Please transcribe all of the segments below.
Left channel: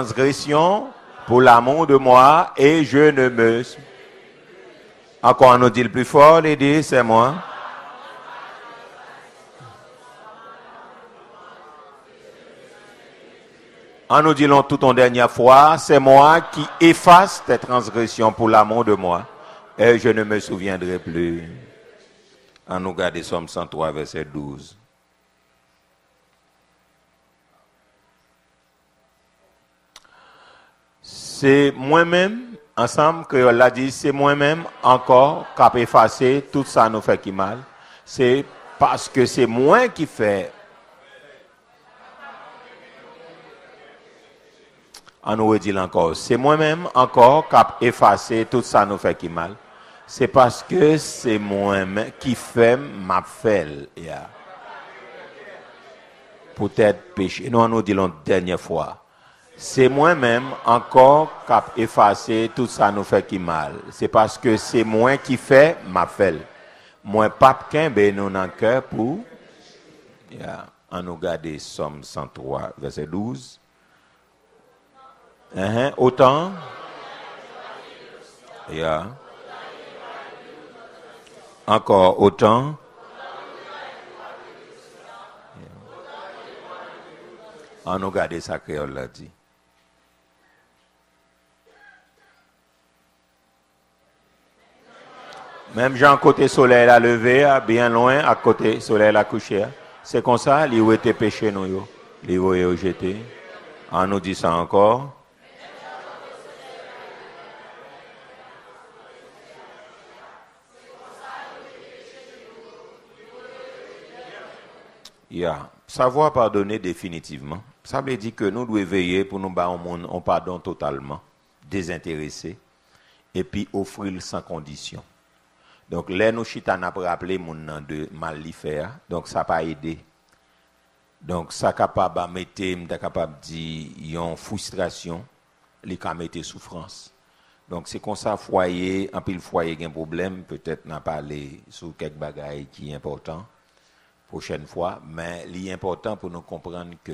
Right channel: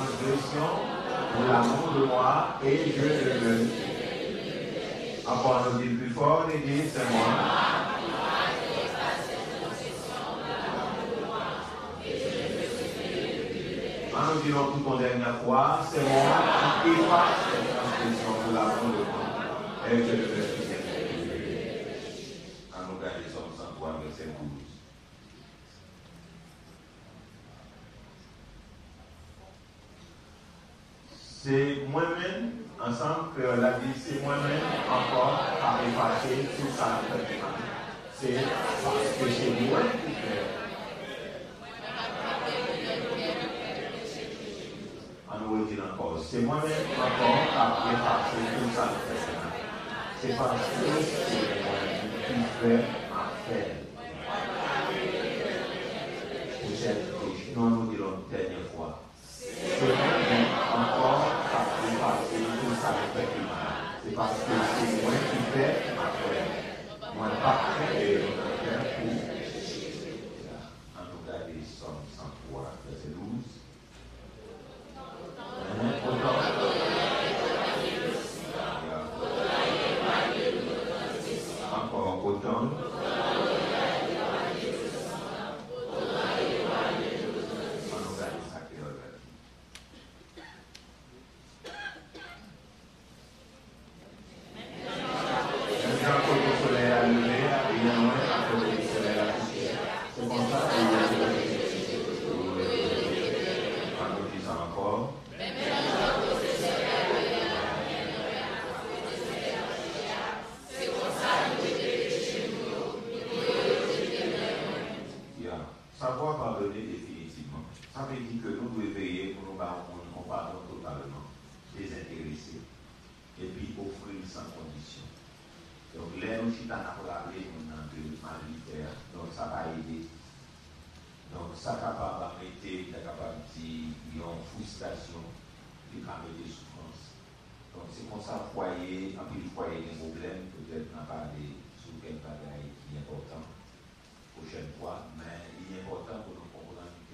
transgressions pour l'amour de moi et je ne me... Encore on nous dit le plus fort, et dit, c'est moi. En nous disant tout en dernière fois, c'est moi qui efface tes transgressions pour l'amour de moi, et je ne me souviendrai plus. En nous garder Somme 103, verset 12. C'est moi-même, ensemble, que l'a dit, c'est moi-même encore qui a effacé tout ça nous fait qui mal. C'est parce que c'est moi qui fait. On nous redit encore, c'est moi-même encore qui a effacé tout ça nous fait qui mal. C'est parce que c'est moi-même qui fait ma fêle. Yeah. Peut-être péché. Nous, on nous dit la dernière fois. C'est moi-même encore qui a effacé tout ça nous fait qui mal. C'est parce que c'est moi qui fait ma fêle. Moi, pas qu'un ben nous dans le cœur pour. Yeah. On nous garde Somme 103, verset 12. Autant. Yeah. Encore autant. On nous garde ça créole là dit. Même Jean côté soleil a levé, bien loin à côté soleil a couché. C'est comme ça, il a été péché nous, il a jeté. On nous dit ça encore. Yeah. Savoir pardonner définitivement, ça veut dire que nous devons veiller pour nous battre un pardon totalement, désintéressé, et puis offrir sans condition. Donc, là, nous chita n'a pas rappelé mon nom de mal l'y faire, donc ça n'a pas aidé. Donc, ça capable de mettre, capable de dire, il y a une frustration, il y a une souffrance. Donc, c'est comme ça, foyer, en pile foyer, il y a un problème, peut-être n'a pas parlé sur quelques bagailles qui est important. Prochaine fois, mais l'important pour nous comprendre que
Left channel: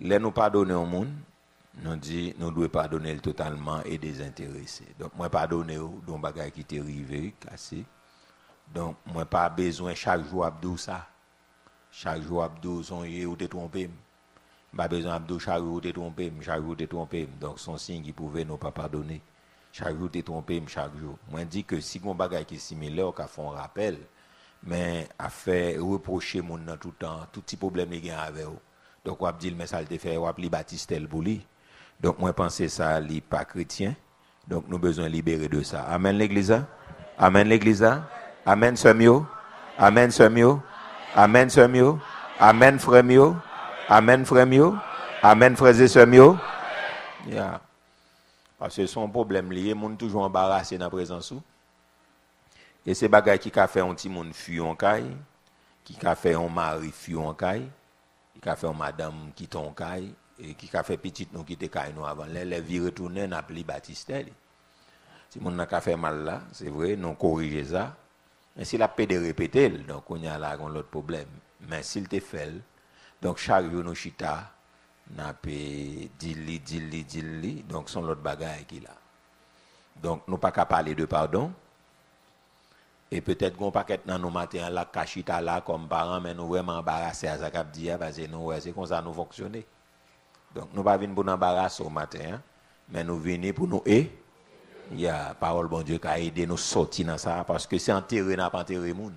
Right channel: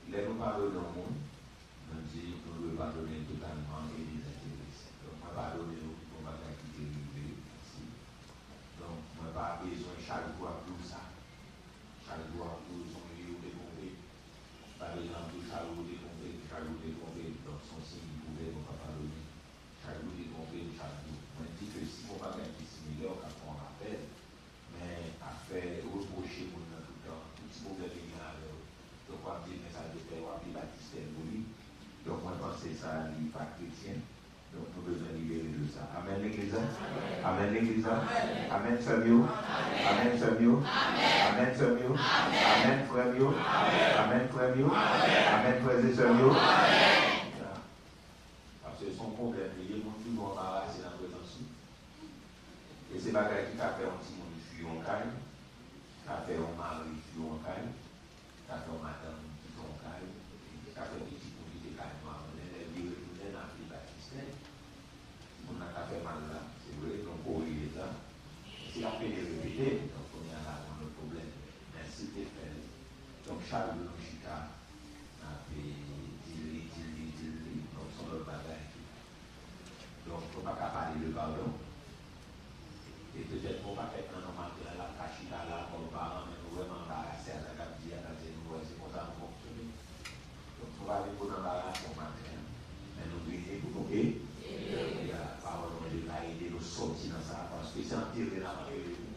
les nous pardonner au monde, nous dit nous devons pardonner totalement et désintéressé. Donc moi pardonner d'un bagage qui t'est arrivé, cassé. Donc moi pas besoin chaque jour abdou ça. Chaque jour abdou son ou t'es trompé. Pas besoin abdou chaque jour t'es trompé, chaque jour t'es trompé. Donc son signe qui pouvait nous pas pardonner. Chaque jour t'es trompé, chaque jour. Moi dit que si un bagage qui est similaire, qu'on fait un rappel. Mais à faire reprocher mon nom tout le temps, tout petit problème il y a avec eux. Donc on va dire mais ça le fait, on va li baptistel pour lui. Donc moi penser ça li pas chrétien. Donc nous besoin libérer de ça. Amen l'église. Amen l'église. Amen semio. Amen semio. Amen semio. Amen frère mio. Amen frère mio. Amen frères et sœurs mio. Yeah. Parce que son problème lié, mon toujours embarrassé dans la présence ou. Et c'est bagay qui a fait un petit monde fuir en caille, qui a fait un mari fuir en caille, qui a fait une madame qui ton caille, et qui a fait petite nous qui te caille nous avant. Les vie retourner n'a plus baptistel. Si mon n'a fait mal là, c'est vrai, nous corriger ça. Mais s'il a pédé répéter, donc on y a là un autre problème. Mais s'il te fait, donc chaque jour nous chita, n'a pas dit, donc son l'autre bagay qui là. Donc nous pas qu'à parler de pardon. Et peut-être qu'on paquet dans nos matins là cachita là comme parents mais nous vraiment embarrassés à ça qu'a dit parce que nous c'est comme ça nous fonctionner. Donc nous pas venir pour nous embarrasser au matin hein, mais nous venir pour nous aider. Il y a parole bon Dieu qui a aidé nous sortir dans ça parce que c'est enterré n'a pas enterré monde.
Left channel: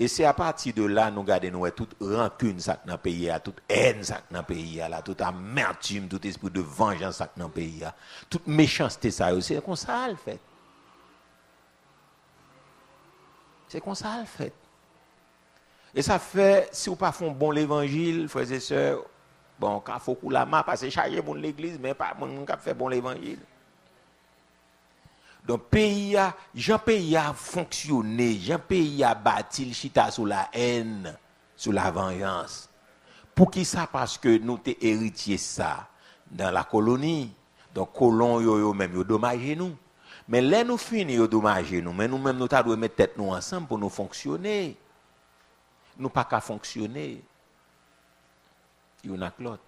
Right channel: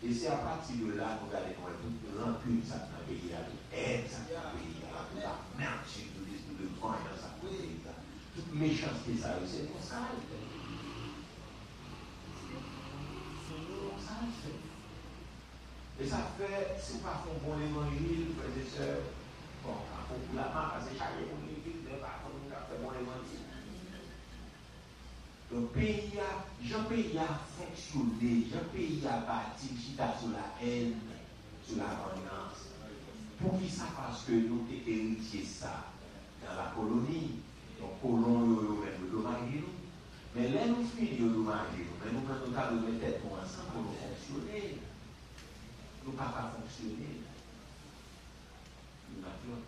Et c'est à partir de là nous garder nous toute rancune ça dans pays à toute haine ça dans pays là toute amertume tout esprit de vengeance ça dans pays toute méchanceté ça c'est comme ça le fait. C'est comme ça le fait. Et ça fait, si vous ne faites pas bon l'évangile, frères et sœurs, bon, quand il faut que la main, parce que chargé pour l'église, mais pas pour nous faire bon l'évangile. Donc, pays a fonctionné, pays a bâti le chita sur la haine, sur la vengeance. Pour qui ça? Parce que nous avons héritié ça dans la colonie. Donc, colons, yo même, yo dommagé nous. Mais là, nous finissons dommager nous, mais nous-mêmes, nous devons mettre tête nous ensemble pour nous fonctionner. Nous pas qu'à fonctionner. Il y en a que l'autre.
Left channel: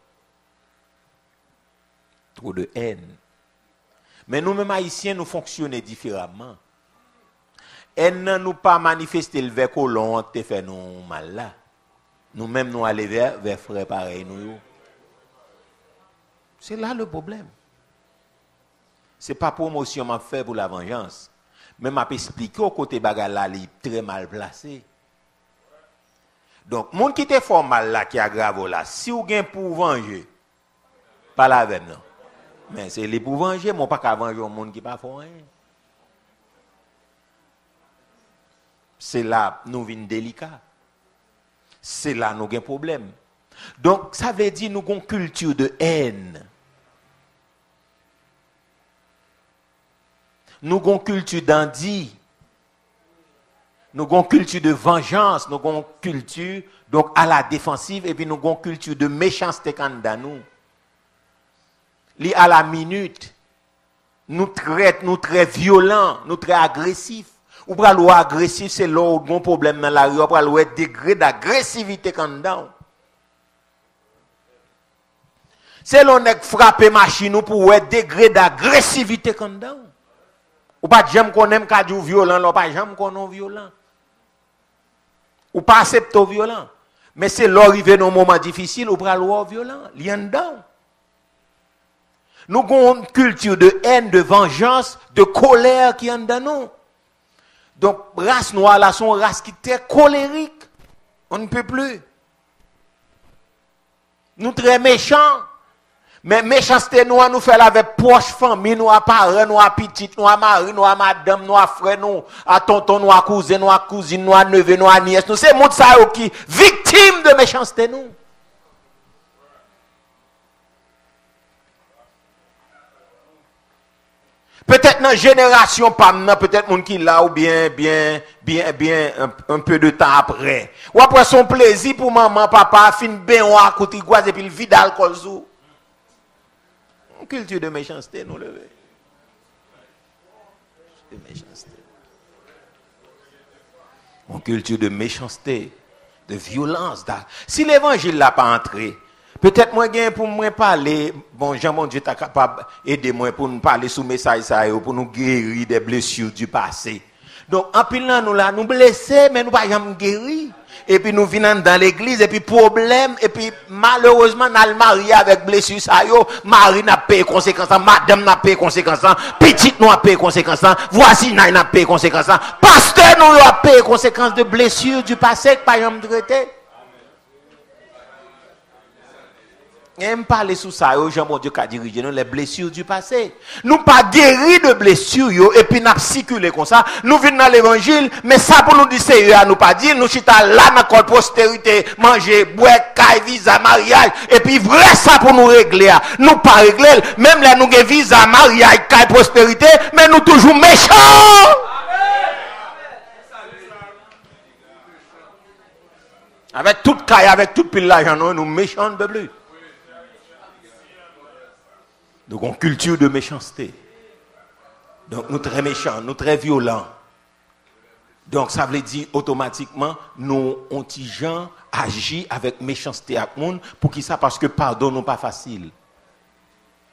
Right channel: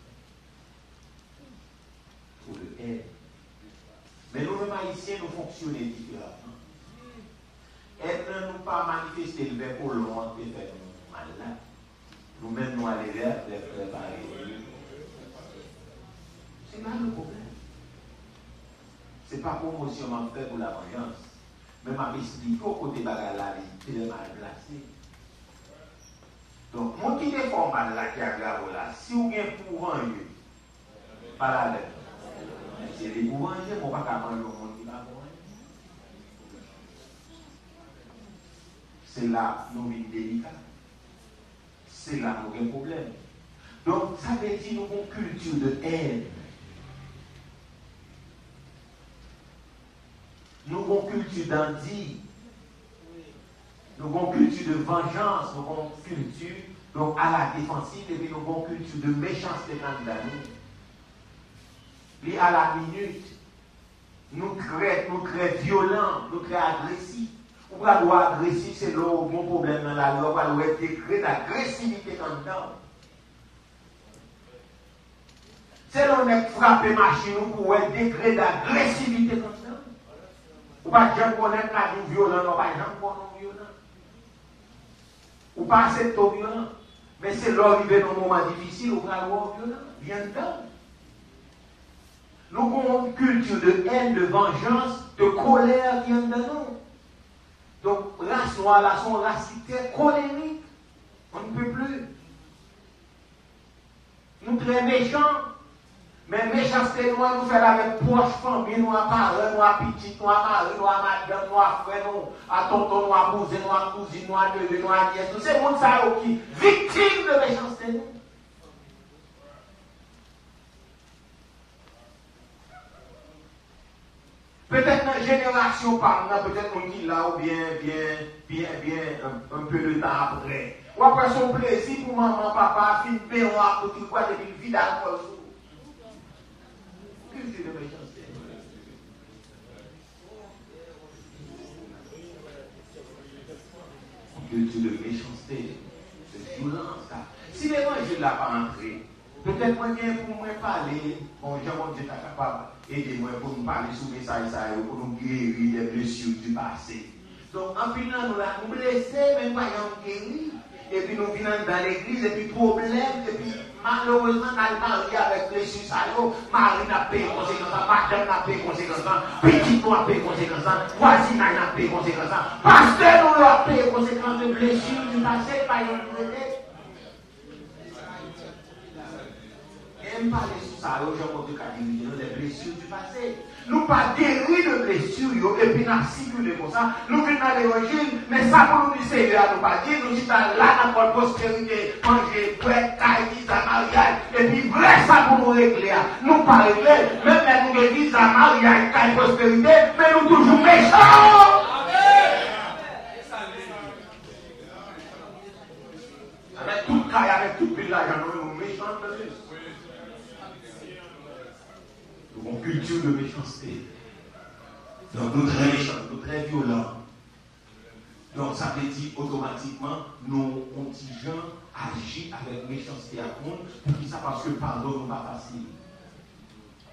trop de haine. Mais nous-mêmes haïtiens, nous fonctionnons différemment. Haine ne nous pas manifester le vers colon qui fait nous mal là. Nous-mêmes nous aller vers frère pareil nous. C'est là le problème. C'est pas promotion m'a fait pour la vengeance. Mais m'a expliqué au côté bagarre là, il est très mal placé. Donc, monde qui te fait mal là, qui aggrave là, si vous avez pour venger, pas la veine. Mais c'est les pour venger, moi pas qu'à venger un monde qui pas fait rien. C'est là nous venons délicats. C'est là nous avons un problème. Donc, ça veut dire nous avons une culture de haine. Nous avons une culture d'andi. Nous avons une culture de vengeance. Nous avons une culture donc, à la défensive. Et puis nous avons une culture de méchanceté dans nous. Li à la minute. Nous très violents. Nous très agressifs. Ou pour le agressif, c'est là où il y a un problème dans la rue. Ou pour le degré d'agressivité quand dedans. C'est là où on frappe machine pour le degré d'agressivité quand dedans. Ou pas j'aime qu'on aime qu'à dire violent, ou pas j'aime qu'on est violent. Ou pas accepter violent. Mais c'est l'arrivée dans un moment difficile, ou pas le violent. Il y a dedans. Nous avons une culture de haine, de vengeance, de colère qui est dans nous. Donc, race noire, là, sont race qui est très colérique. On ne peut plus. Nous très méchants. Mais méchanceté nous nous fait avec proche famille, nous à parents, nous à petite, nous à mari, nous à madame, nous à frère, nous à tonton, nous à cousin, nous à cousine, nous à neveu, nous à nièce. Nous c'est monde ça qui victime de méchanceté nous. Peut-être dans la génération pas peut-être monde qui là ou bien un peu de temps après. Ou après son plaisir pour maman, papa, fin ben ou à côté et puis le vide d'alcool sous. Culture de méchanceté, nous le voyons. Une culture de méchanceté, de violence. Si l'évangile n'a pas entré, peut-être moi, pour moi parler, bon, Jean-Mon Dieu est capable d'aider moi pour nous parler sous message, pour nous guérir des blessures du passé. Donc, en pile, nous blessés, mais nous ne pouvons pas guérir. Et puis nous venons dans l'église, et puis problème, et puis malheureusement, nous allons marier avec blessure, ça yo, mari n'a payé conséquences, madame n'a payé conséquences, petite n'a payé conséquences, voisine n'a payé conséquences, pasteur nous a payé conséquences de blessures du passé que par exemple traité. Et me parler sous ça, Jean-Mon Dieu qui a dirigé nous les blessures du passé. Nous pas guéris de blessures et puis nous circulé comme ça. Nous venons dans l'évangile, mais ça pour nous dire sérieux, nous pas dire nous chita là dans notre postérité, manger, boire, caille, visa, mariage et puis vrai ça pour nous régler. Nous pas régler, même là nous avons visa, mariage, caille, prospérité, mais nous toujours méchants. Avec toute caille, avec toute pile l'argent, nous méchants de plus. Donc, une culture de méchanceté. Donc, nous très méchants, nous très violents. Donc, ça veut dire automatiquement, nous, on gens agit avec méchanceté à monde. Pour qui ça? Parce que pardon n'est pas facile.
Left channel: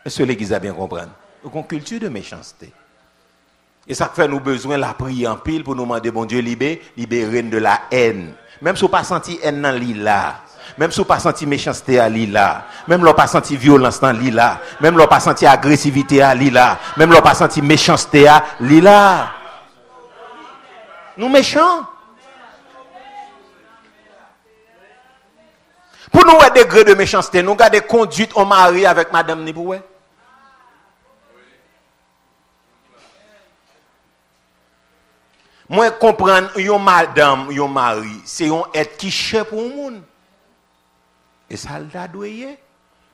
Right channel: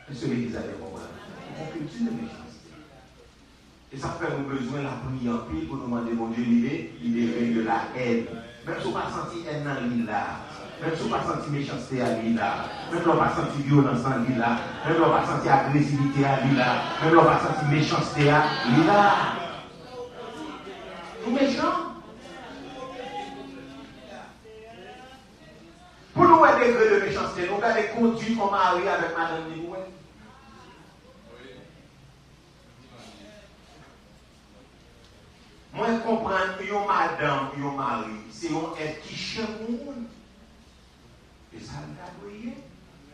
Est-ce que l'Église a bien compris? Donc, une culture de méchanceté. Et ça fait nous besoin de la prier en pile pour nous demander, bon Dieu, libérer de la haine. Même si on n'a pas senti haine dans l'île-là. Même si on n'a pas senti méchanceté à l'île-là. Même si on n'a pas senti violence dans l'île-là. Même si on n'a pas senti agressivité à l'île-là. Même si on n'a pas senti méchanceté à l'île-là. Nous méchants. Pour nous, un degré de méchanceté, nous avons des conduites au mari avec madame Niboué. Moi, comprendre, yon madame, yon mari, c'est un être qui cherche pour le monde. Et ça l'a doué.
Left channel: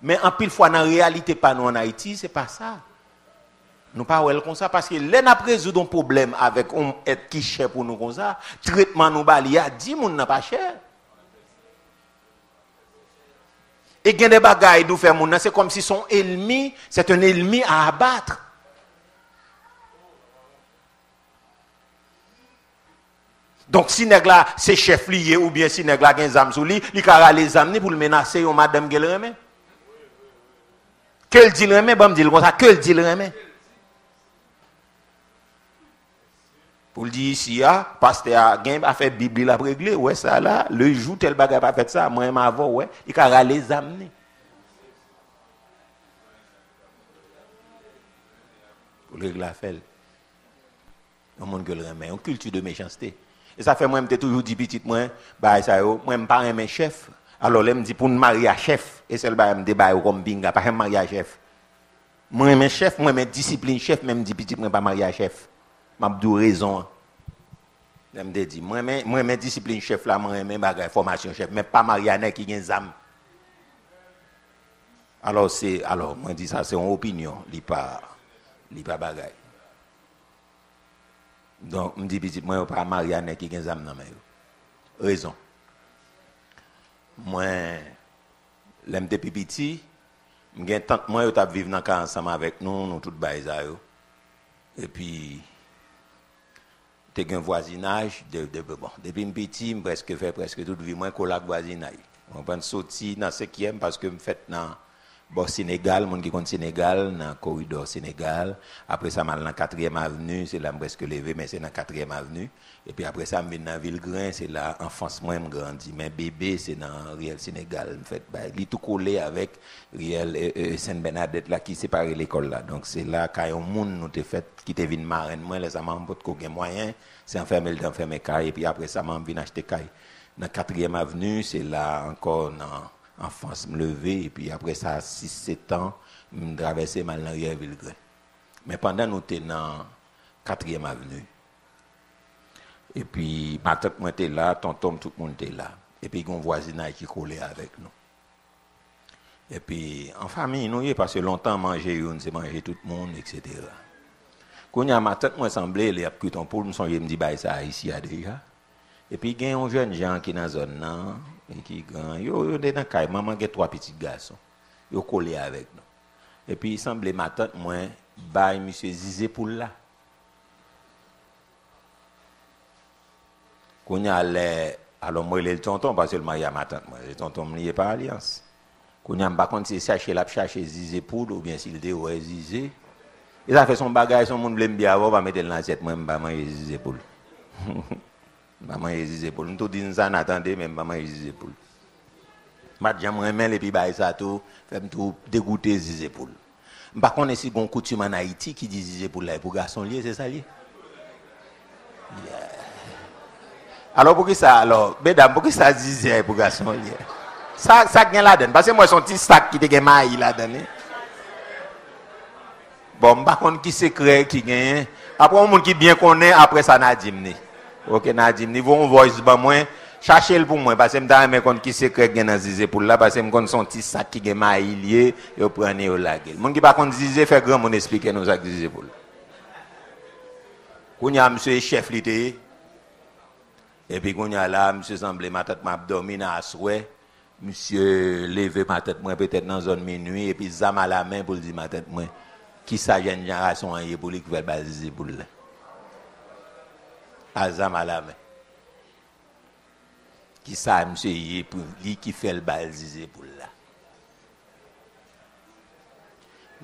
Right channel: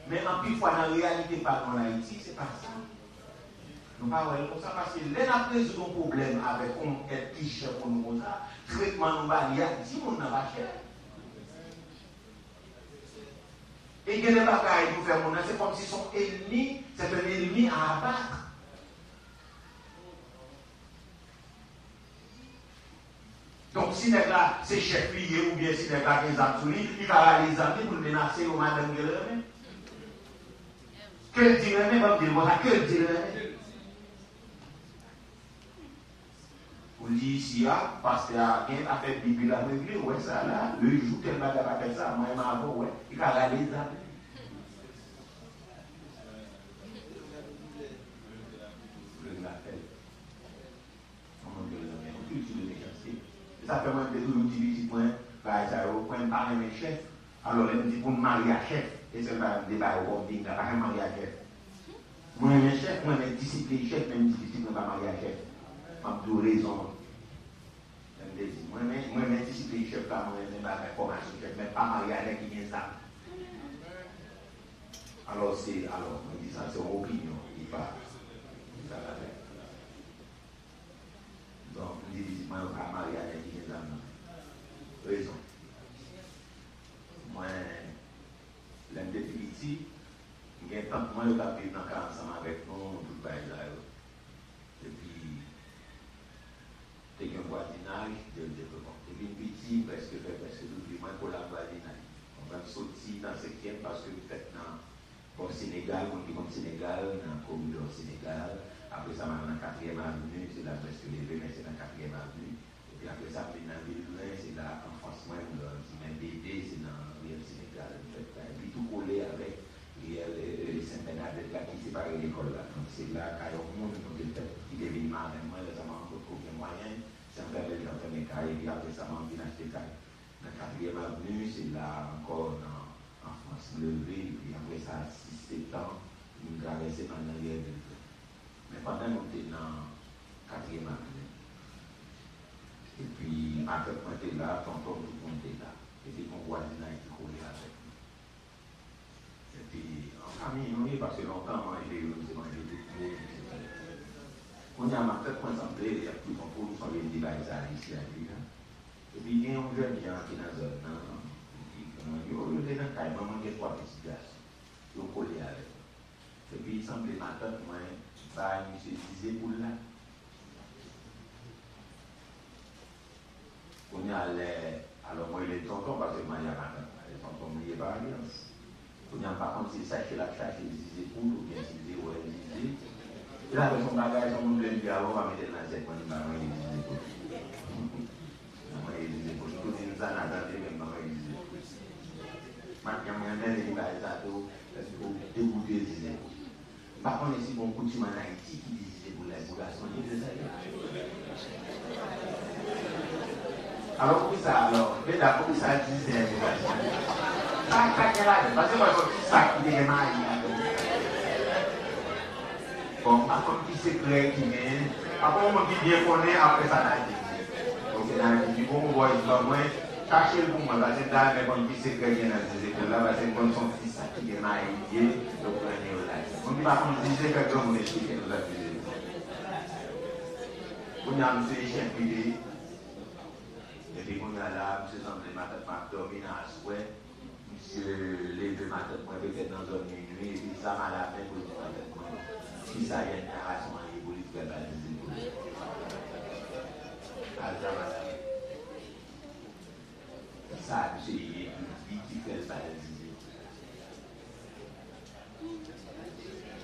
Mais en pile fois, dans la réalité, pas nous en Haïti, c'est pas ça. Nous ne parlons pas comme ça parce que là, nous résoudre un problème avec un être qui cherche pour nous comme ça. Traitement nous bali a 10 moun n'a pas cher. Et il y a des bagailles nous faire moun, c'est comme si son ennemi, c'est un ennemi à abattre. Donc, si nèg la c'est chef lié ou bien si nèg la gen zam sou li, il ka les amener pour le menacer ou madame Gelreme. Que le dit le remet, bon, me dit comme ça, que le dit le remet. Pour le dire ici, pasteur a fait Bible la régler, ouais, ça là, le jour tel bagage pas fait ça, moi, avant, ouais, il a les amener. Pour régler la fait. Un monde que le remet, une culture de méchanceté. Et ça fait moi, je toujours dit petit, moi, bah, ça, moi, je ne pas un chef. Alors, là, me dit pour me marier à chef, et c'est le bail, me débat comme binga, pas un mariage à chef. Moi, je suis chef, moi, je discipline chef, même dit petit, moi, pas marié à chef. Je dis raison. Je me dis, moi, je discipline chef là, moi, je formation chef, mais pas marié à qui a des âmes. Alors, moi, je dis ça, c'est une opinion, il pas bagaille. Donc, je me dis, petit, moi, je ne pas marié à qui a des âmes. Raison. Moi, l'aime depuis petit, j'ai tant moi yo t'a vivre dans cas ensemble avec nous tout bail ça yo. Et puis t'es un voisinage bon, depuis petit, presque fait presque toute vie moi collab voisinage. On va sortir dans 5e parce que me fait dans bon Sénégal, monde qui compte Sénégal dans corridor Sénégal, après ça mal dans 4e avenue, c'est là presque levé mais c'est dans 4e avenue. Et puis après ça, je viens dans Villegrain, c'est là, enfance, moi, je grandis. Mais bébé, c'est dans Riel Sénégal. En fait, il est tout collé avec Riel Sainte-Bernadette, là, qui sépare l'école. Là. Donc, c'est là, quand un monde nous te fait, qui te vient marraine, moi, les amants, pour qu'on ait moyen, c'est enfermer caille. Et puis après ça, je viens acheter caille. Dans 4e avenue, c'est là, encore, dans enfance, me lever. Et puis après ça, 6-7 ans, je traversais mal dans Riel Villegrain. Mais pendant nous étions dans 4e avenue, et puis, ma tante était là, tonton, tout le monde était là. Et puis, il y a un voisinage qui collait avec nous. Et puis, en famille, nous, parce que longtemps, manger, c'est manger tout le monde, etc. Quand il y a ma tante, moi, semblait, il y a pris ton poule, je me dis, bah, ça, ici, déjà. Et puis, il y a un jeune gens qui est dans la zone, et qui grand. Ils sont dans la caille, maman, il y a 3 petits garçons. Ils collé avec nous. Et puis, il semblait, ma tante, moi, bah, monsieur Zizé pour là. Quand y a alors moi il est le tonton parce que le mariage ma tante moi le tonton me lié par alliance. Quand y a pas contre c'est chercher Zizé poule ou bien s'il dit ouais Zizé. Il a fait son bagage son monde l'aime bien avant va mettre dans l'assiette moi maman Zizé poule. Maman Zizé poule. Nous tout dit ça n'attendez même maman Zizé poule. Madame moi même et puis bah ça tout fait tout dégoûter Zizé poule. Par contre si bon coutume en Haïti qui dit Zizé poule là pour garçon lié c'est ça lié. Alors, pour qui ça, mesdames, pour qui ça disait pour garçon? Ça vient là-dedans. Parce que moi, son petit sac qui te maille là-dedans. Bon, par contre, qui secret qui gagne. Après, un monde qui bien connaît, après ça, Nadim. Ok, Nadim, niveau on voice, bah, moi, cherchez-le pour moi. Parce que je me dis qui secret qui dans Zizé pour là. Parce que je me son petit sac qui maille lié, je prends au lac. Mon qui par contre Zizé fait grand, mon expliquer nos actes Zizé pour là. Quand il y a monsieur chef l'idée. Et puis, quand il y a là, monsieur semblait ma tête m'a dormi dans la souhait. Monsieur levé ma tête, moi, peut-être dans la zone minuit. Et puis, zam à la main pour dire ma tête, moi. Qui sa jeune génération a pour lui qui va baliser pour là. Azam à la main. Qui sa monsieur y pour lui qui fait le baliser pour là.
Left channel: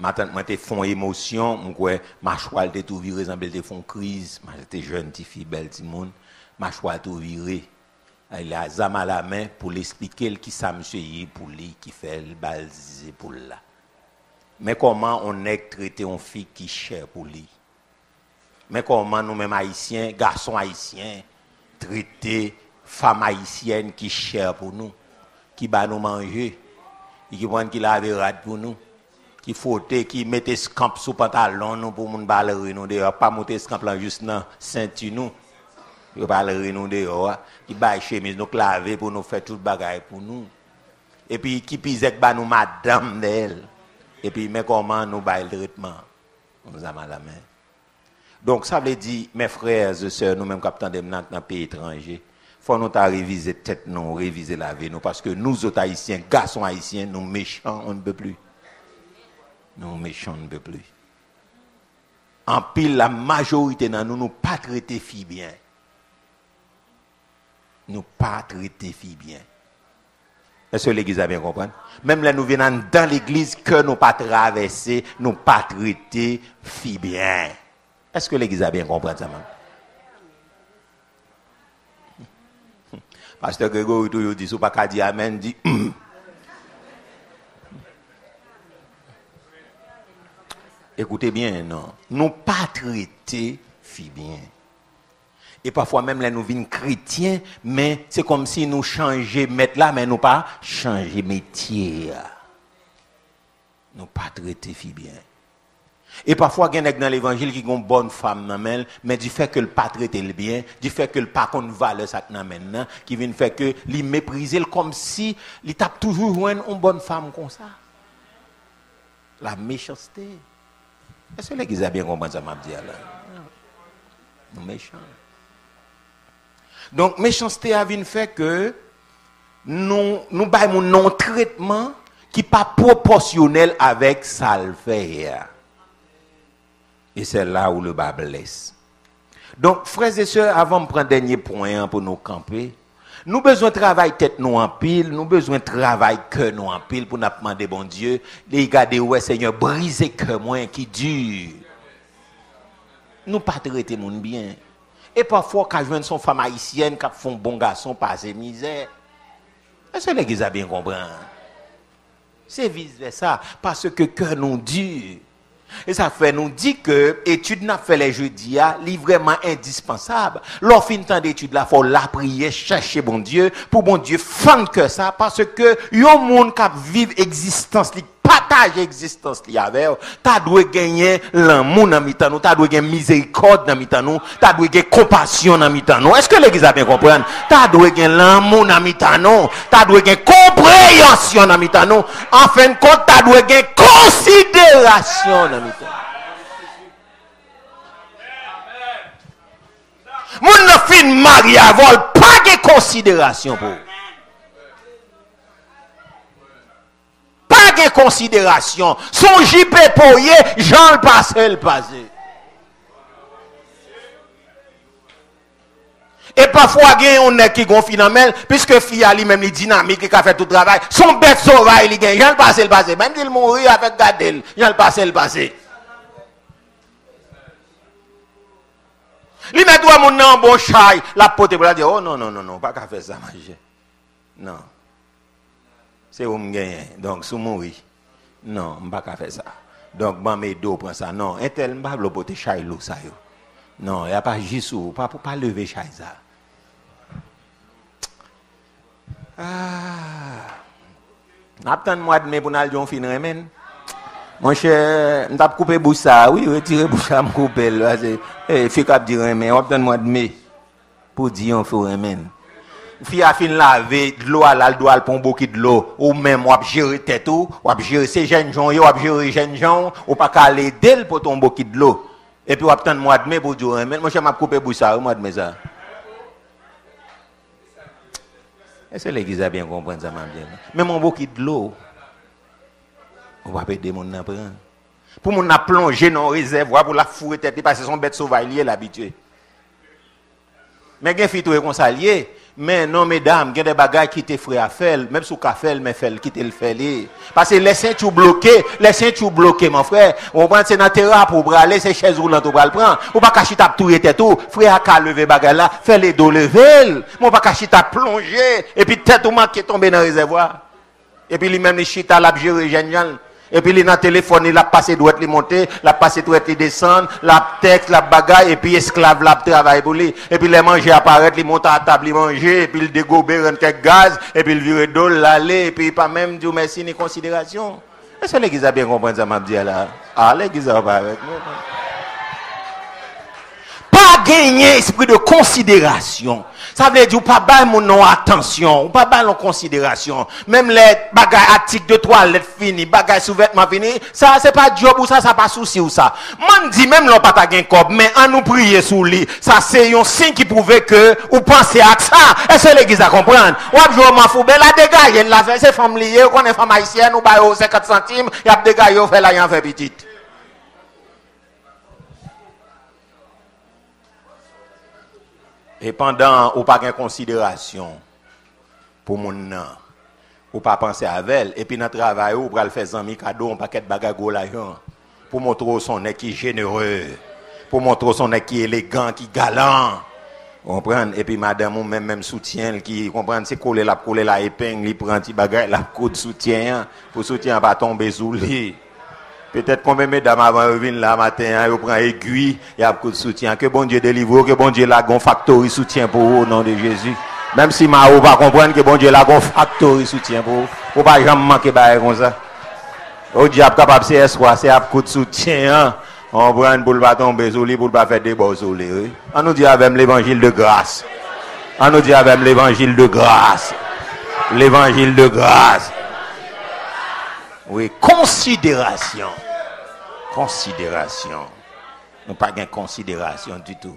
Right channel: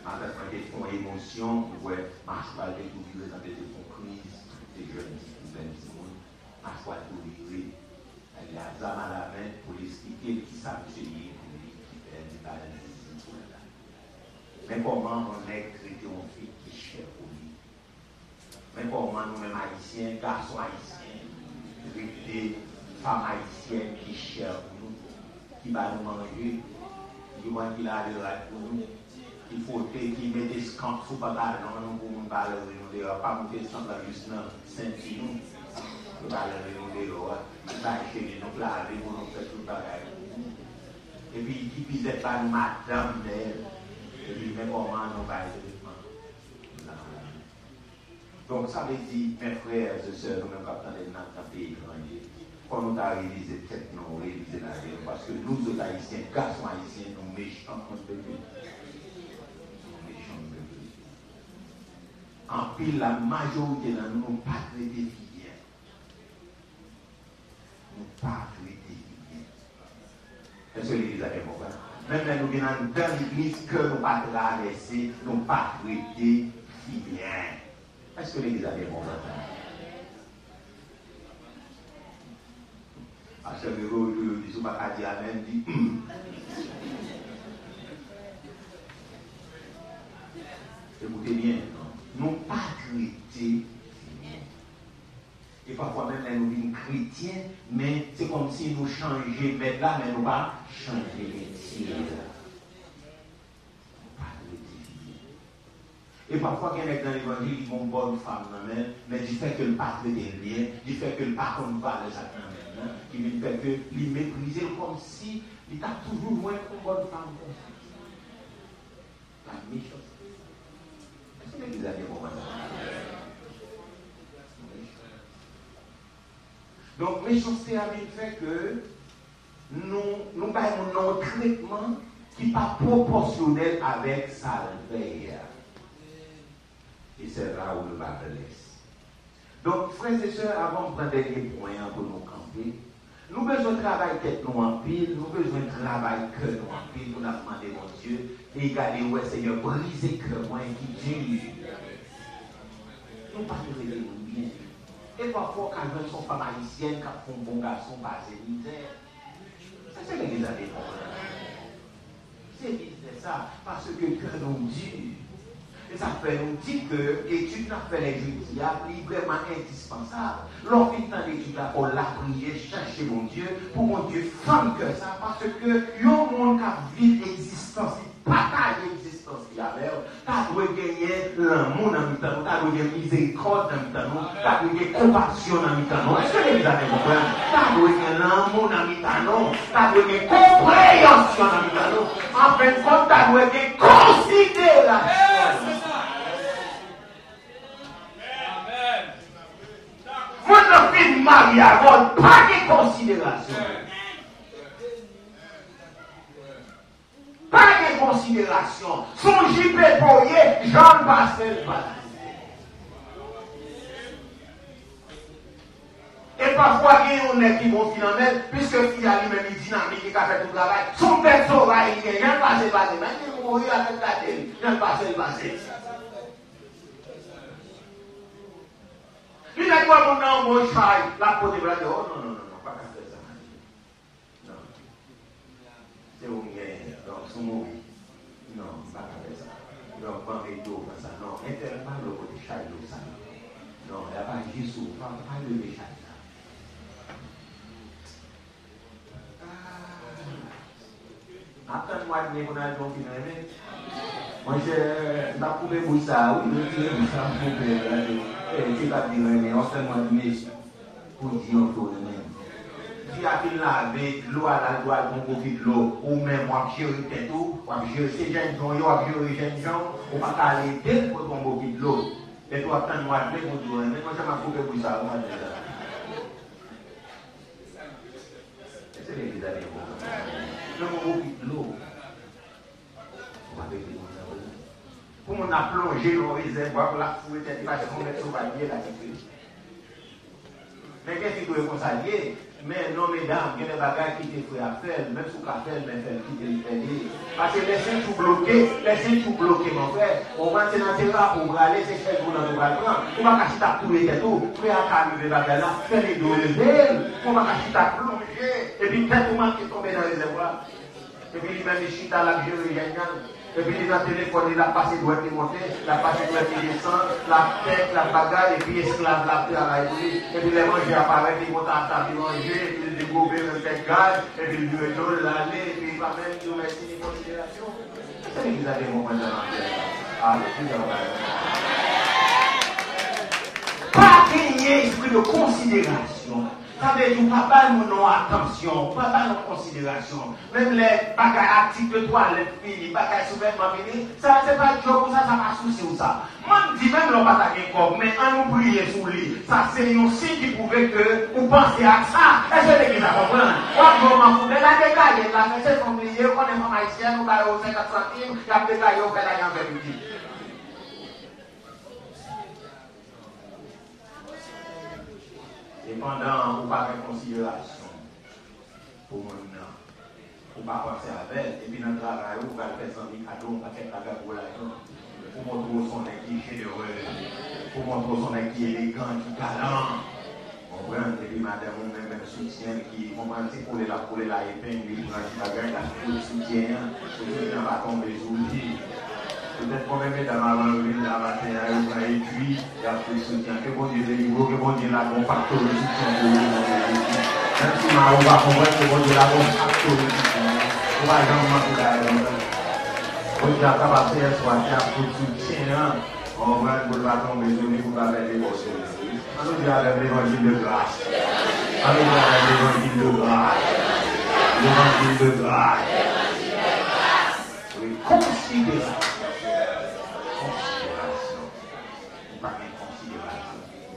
Ma tante, moi, t'es fond émotion. Moi, ma choix, t'es tout viré, semble t'es fond crise. Ma t'es jeune, t'es fille, belle, t'es monde. Ma choix tout viré. Il a zam à la main pour l'expliquer qui ça monsieur y pour lui qui fait le baliser pour là. Mais comment on est traité une fille qui chère pour lui? Mais comment nous-mêmes haïtiens, garçons haïtiens, traiter femmes haïtiennes qui chère pour nous, qui va nous manger, qui prend qui lave rade pour nous, qui frotte, qui mette scamp sous pantalon nous pour nous balayer nous dehors, pas monter scamp là juste dans ceinture nous. Yo balayer nous dehors, qui baille chemise nous laver pour nous faire tout bagaille pour nous. Et puis qui pise ba nous madame d'elle. Et puis, mais comment nous baillons le traitement? Nous avons la main. Donc, ça veut dire, mes frères et sœurs, nous-mêmes, quand nous sommes dans un pays étranger, il faut nous réviser tête, nous, réviser la vie, nous, parce que nous, autres haïtiens, garçons haïtiens, nous méchants, on ne peut plus. Nous méchants, on ne peut plus. En pile, la majorité de nous, nous pas traiter filles bien. Nous pas traiter filles bien. Est-ce que l'église a bien compris? Même là, nous venons dans l'église que nous pas traverser, nous pas traiter, fi bien. Est-ce que l'église a bien compris ça, maman? Pasteur Grégory, il dit, si vous ne pouvez pas dire amen, dit. Écoutez bien, non. Nous pas traiter, fi bien. Et parfois même là nous venons chrétiens, mais c'est comme si nous changeons mettre là, mais nous pas changer métier. Nous pas traiter fi bien. Et parfois il y a dans l'évangile qui ont une bonne femme mais du fait que le pas traiter le bien, du fait que le pas qu'on valeur ça maintenant, qui vient faire que il mépriser comme si il tape toujours une bonne femme comme ça. La méchanceté. Est-ce que l'église a bien compris ça m'a dit alors? Nous méchants. Donc, méchanceté a fait que nous avons un non-traitement qui n'est pas proportionnel avec ça le fait. Et c'est là où le bas blesse. Donc, frères et sœurs, avant de prendre un dernier point pour nous camper, nous avons besoin de travailler tête nous en pile, nous avons besoin de travailler cœur nous en pile pour nous demander, bon Dieu, de regarder, ouais, Seigneur, briser cœur moins qui dure. Nous ne pas traiter mon bien. Et parfois, quand je viens son femme haïtienne, qui font bon garçon, pas de misère. Est-ce que l'église a bien compris? C'est vice-versa, parce que cœur nous dur. Et ça fait nous dit que l'étude n'a fait les jeudis, est vraiment indispensable. Lorsqu'on finit temps d'étude là, il faut la prier, chercher bon Dieu, pour bon Dieu fendre que ça, parce que il y a un monde qui vit existence, qui partage existence avec eux. Tu dois gagner l'amour dans mi-temps, tu dois gagner miséricorde dans mi-temps, tu dois gagner compassion dans mi-temps. Est-ce que l'église a bien compris? Tu dois gagner l'amour dans mi-temps, tu dois gagner compréhension dans mi-temps. En fin de compte, tu dois gagner considération dans mi-temps. Mon fin mariage, pas de considération pour. Pas de considération. Son JP poyé, Jean le passé le passé. Et parfois, il y a un qui gonfle dans le puisque fille a lui-même dynamique qui a fait tout le travail. Son bête sauvage, il gagne. Jean le passé le passé. Même s'il mourit avec Gadel, Jean le passé le passé. Lui met toi mon nom bon chai, la pote pour la dire oh non non non non, pas qu'à faire ça manger. Non. C'est où me gagne. Donc sous mourir. Non, pas qu'à faire ça. Donc ban mes dos prend ça. Non, un tel m'pa le pote chai lou ça yo. Non, y a pas jisou, pas lever chai ça. Attends-moi de mai pour n'aller en fin remen. Mon cher, on t'a coupé bouche ça, oui, retirer bouche ça, me couper là, c'est fait cap dire mais attends-moi de mai pour dire on faut remen. Fille a fin laver de l'eau à la doit pour beaucoup de l'eau ou même on gérer tête ou gérer ces jeunes gens, on gérer jeunes gens ou pas caler d'elle pour ton beaucoup de l'eau. Et puis attends-moi de mai pour dire remen. Mon cher m'a coupé bouche ça, moi de mai ça. Est-ce que l'église a bien compris ça m'a bien? Mais mon beaucoup de l'eau on va aider mon apprendre. Pour mon plonger dans le réservoir pour la fouer tête parce que son bête sauvage lié l'habitude. Mais il y a des filles comme ça lié. Mais non, mesdames, il y a des bagages qui te frère à faire, même sous café, mais fait qui te le fait. Parce que les ceintures bloquées, mon frère. On prend c'est dans terrain pour braler, c'est chaises roulantes pour le prendre. On pas cacher ta tout et tout. Frère a lever bagage là, fait les dos lever. On pas cacher ta plonger et puis tête ou manquer tomber dans le réservoir. Et puis lui-même il chita la gérer génial. Et puis il est dans le téléphone, il a passé droite, il monter, il a passé droite, il descend, la tête, la bagaille, et puis esclave, la travail pour lui. Et puis les manger apparaître, il monte à la table, il mange, et puis il dégobe, il quelques gaz, et puis il vire d'eau, l'aller, et puis pas même dire merci ni considération. Est-ce que l'église a bien compris ça, m'a dit là? Ah, l'église a pas gagner esprit de considération. Ça veut dire pas bailler mon nom attention, ou pas bailler en considération. Même les bagages articles de toilette fini, bagages sous-vêtements fini, ça c'est pas job ou ça pas souci ou ça. Moi dit même l'on pas gain corps, mais en nous prier sous lui, ça c'est un signe qui prouve que ou pensez à ça. Est-ce que l'église a comprendre? Ou jour m'en fou, ben la dégager la fait c'est femme liée, qu'on est femme haïtienne ou ba 50 centimes, y a dégager fait la y en fait petite. Et pendant ou pas de considération pour mon nom, Ou pas penser à elle. Et puis dans le travail, ou pour le faire un cadeau, un paquet de bagages pour montrer son nez qui est généreux, pour montrer son nez qui est élégant, qui est galant. Comprendre? Et puis madame, ou même soutien, qui comprendre, c'est coller la épingle, il prend un petit bagage, la coup de soutien, pour soutien pas tomber sous lui. Peut-être combien de mesdames avant de venir là matin, ils prennent aiguille, il y a beaucoup de soutien. Que bon Dieu délivre, que bon Dieu la gon factory soutien pour vous au nom de Jésus. Même si Mao va comprendre que bon Dieu la gon factory soutien pour vous. Faut pas jamais manquer de comme ça. Au diable capable c'est espoir, c'est un coup de soutien. On prend pour ne pas tomber sous lui, pour ne pas faire des beaux sous lui. On nous dit avec l'évangile de grâce. On nous dit avec l'évangile de grâce. L'évangile de grâce. Oui, considération. Considération. Nous pas de considération du tout.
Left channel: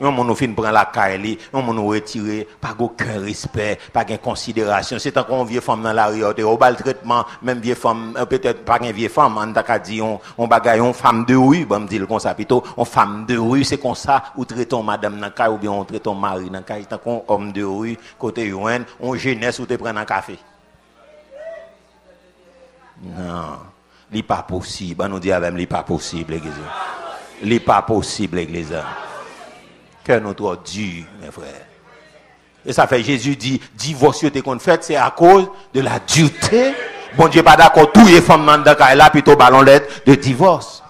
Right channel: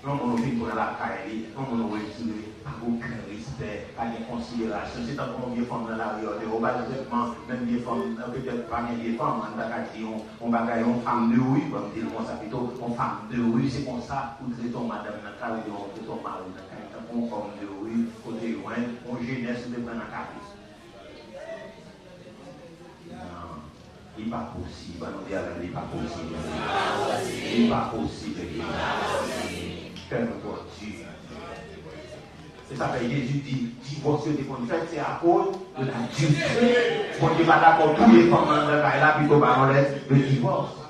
Nous nous fin prendre la caille, nous nous retirer, pas aucun respect, pas de considération. C'est tant qu'on vieille femme dans la rue, on va le traitement, même vieille femme, peut-être pas une vieille femme, on t'a dit on bagaille une femme de rue, bon me dire comme ça plutôt, on femme de rue, c'est comme ça ou traitons madame dans caille ou bien on traitons mari dans caille, tant qu'on homme de rue, côté youen, on jeunesse ou te prendre un café. Non, n'est pas possible. On nous dit avec n'est pas possible, l'église. N'est pas possible, l'église. Que notre Dieu, mes frères. Et ça fait Jésus dit, divorce qu'on fait, c'est à cause de la dureté. Bon Dieu pas d'accord, tout les femmes dans là plutôt ballon l'aide de divorce.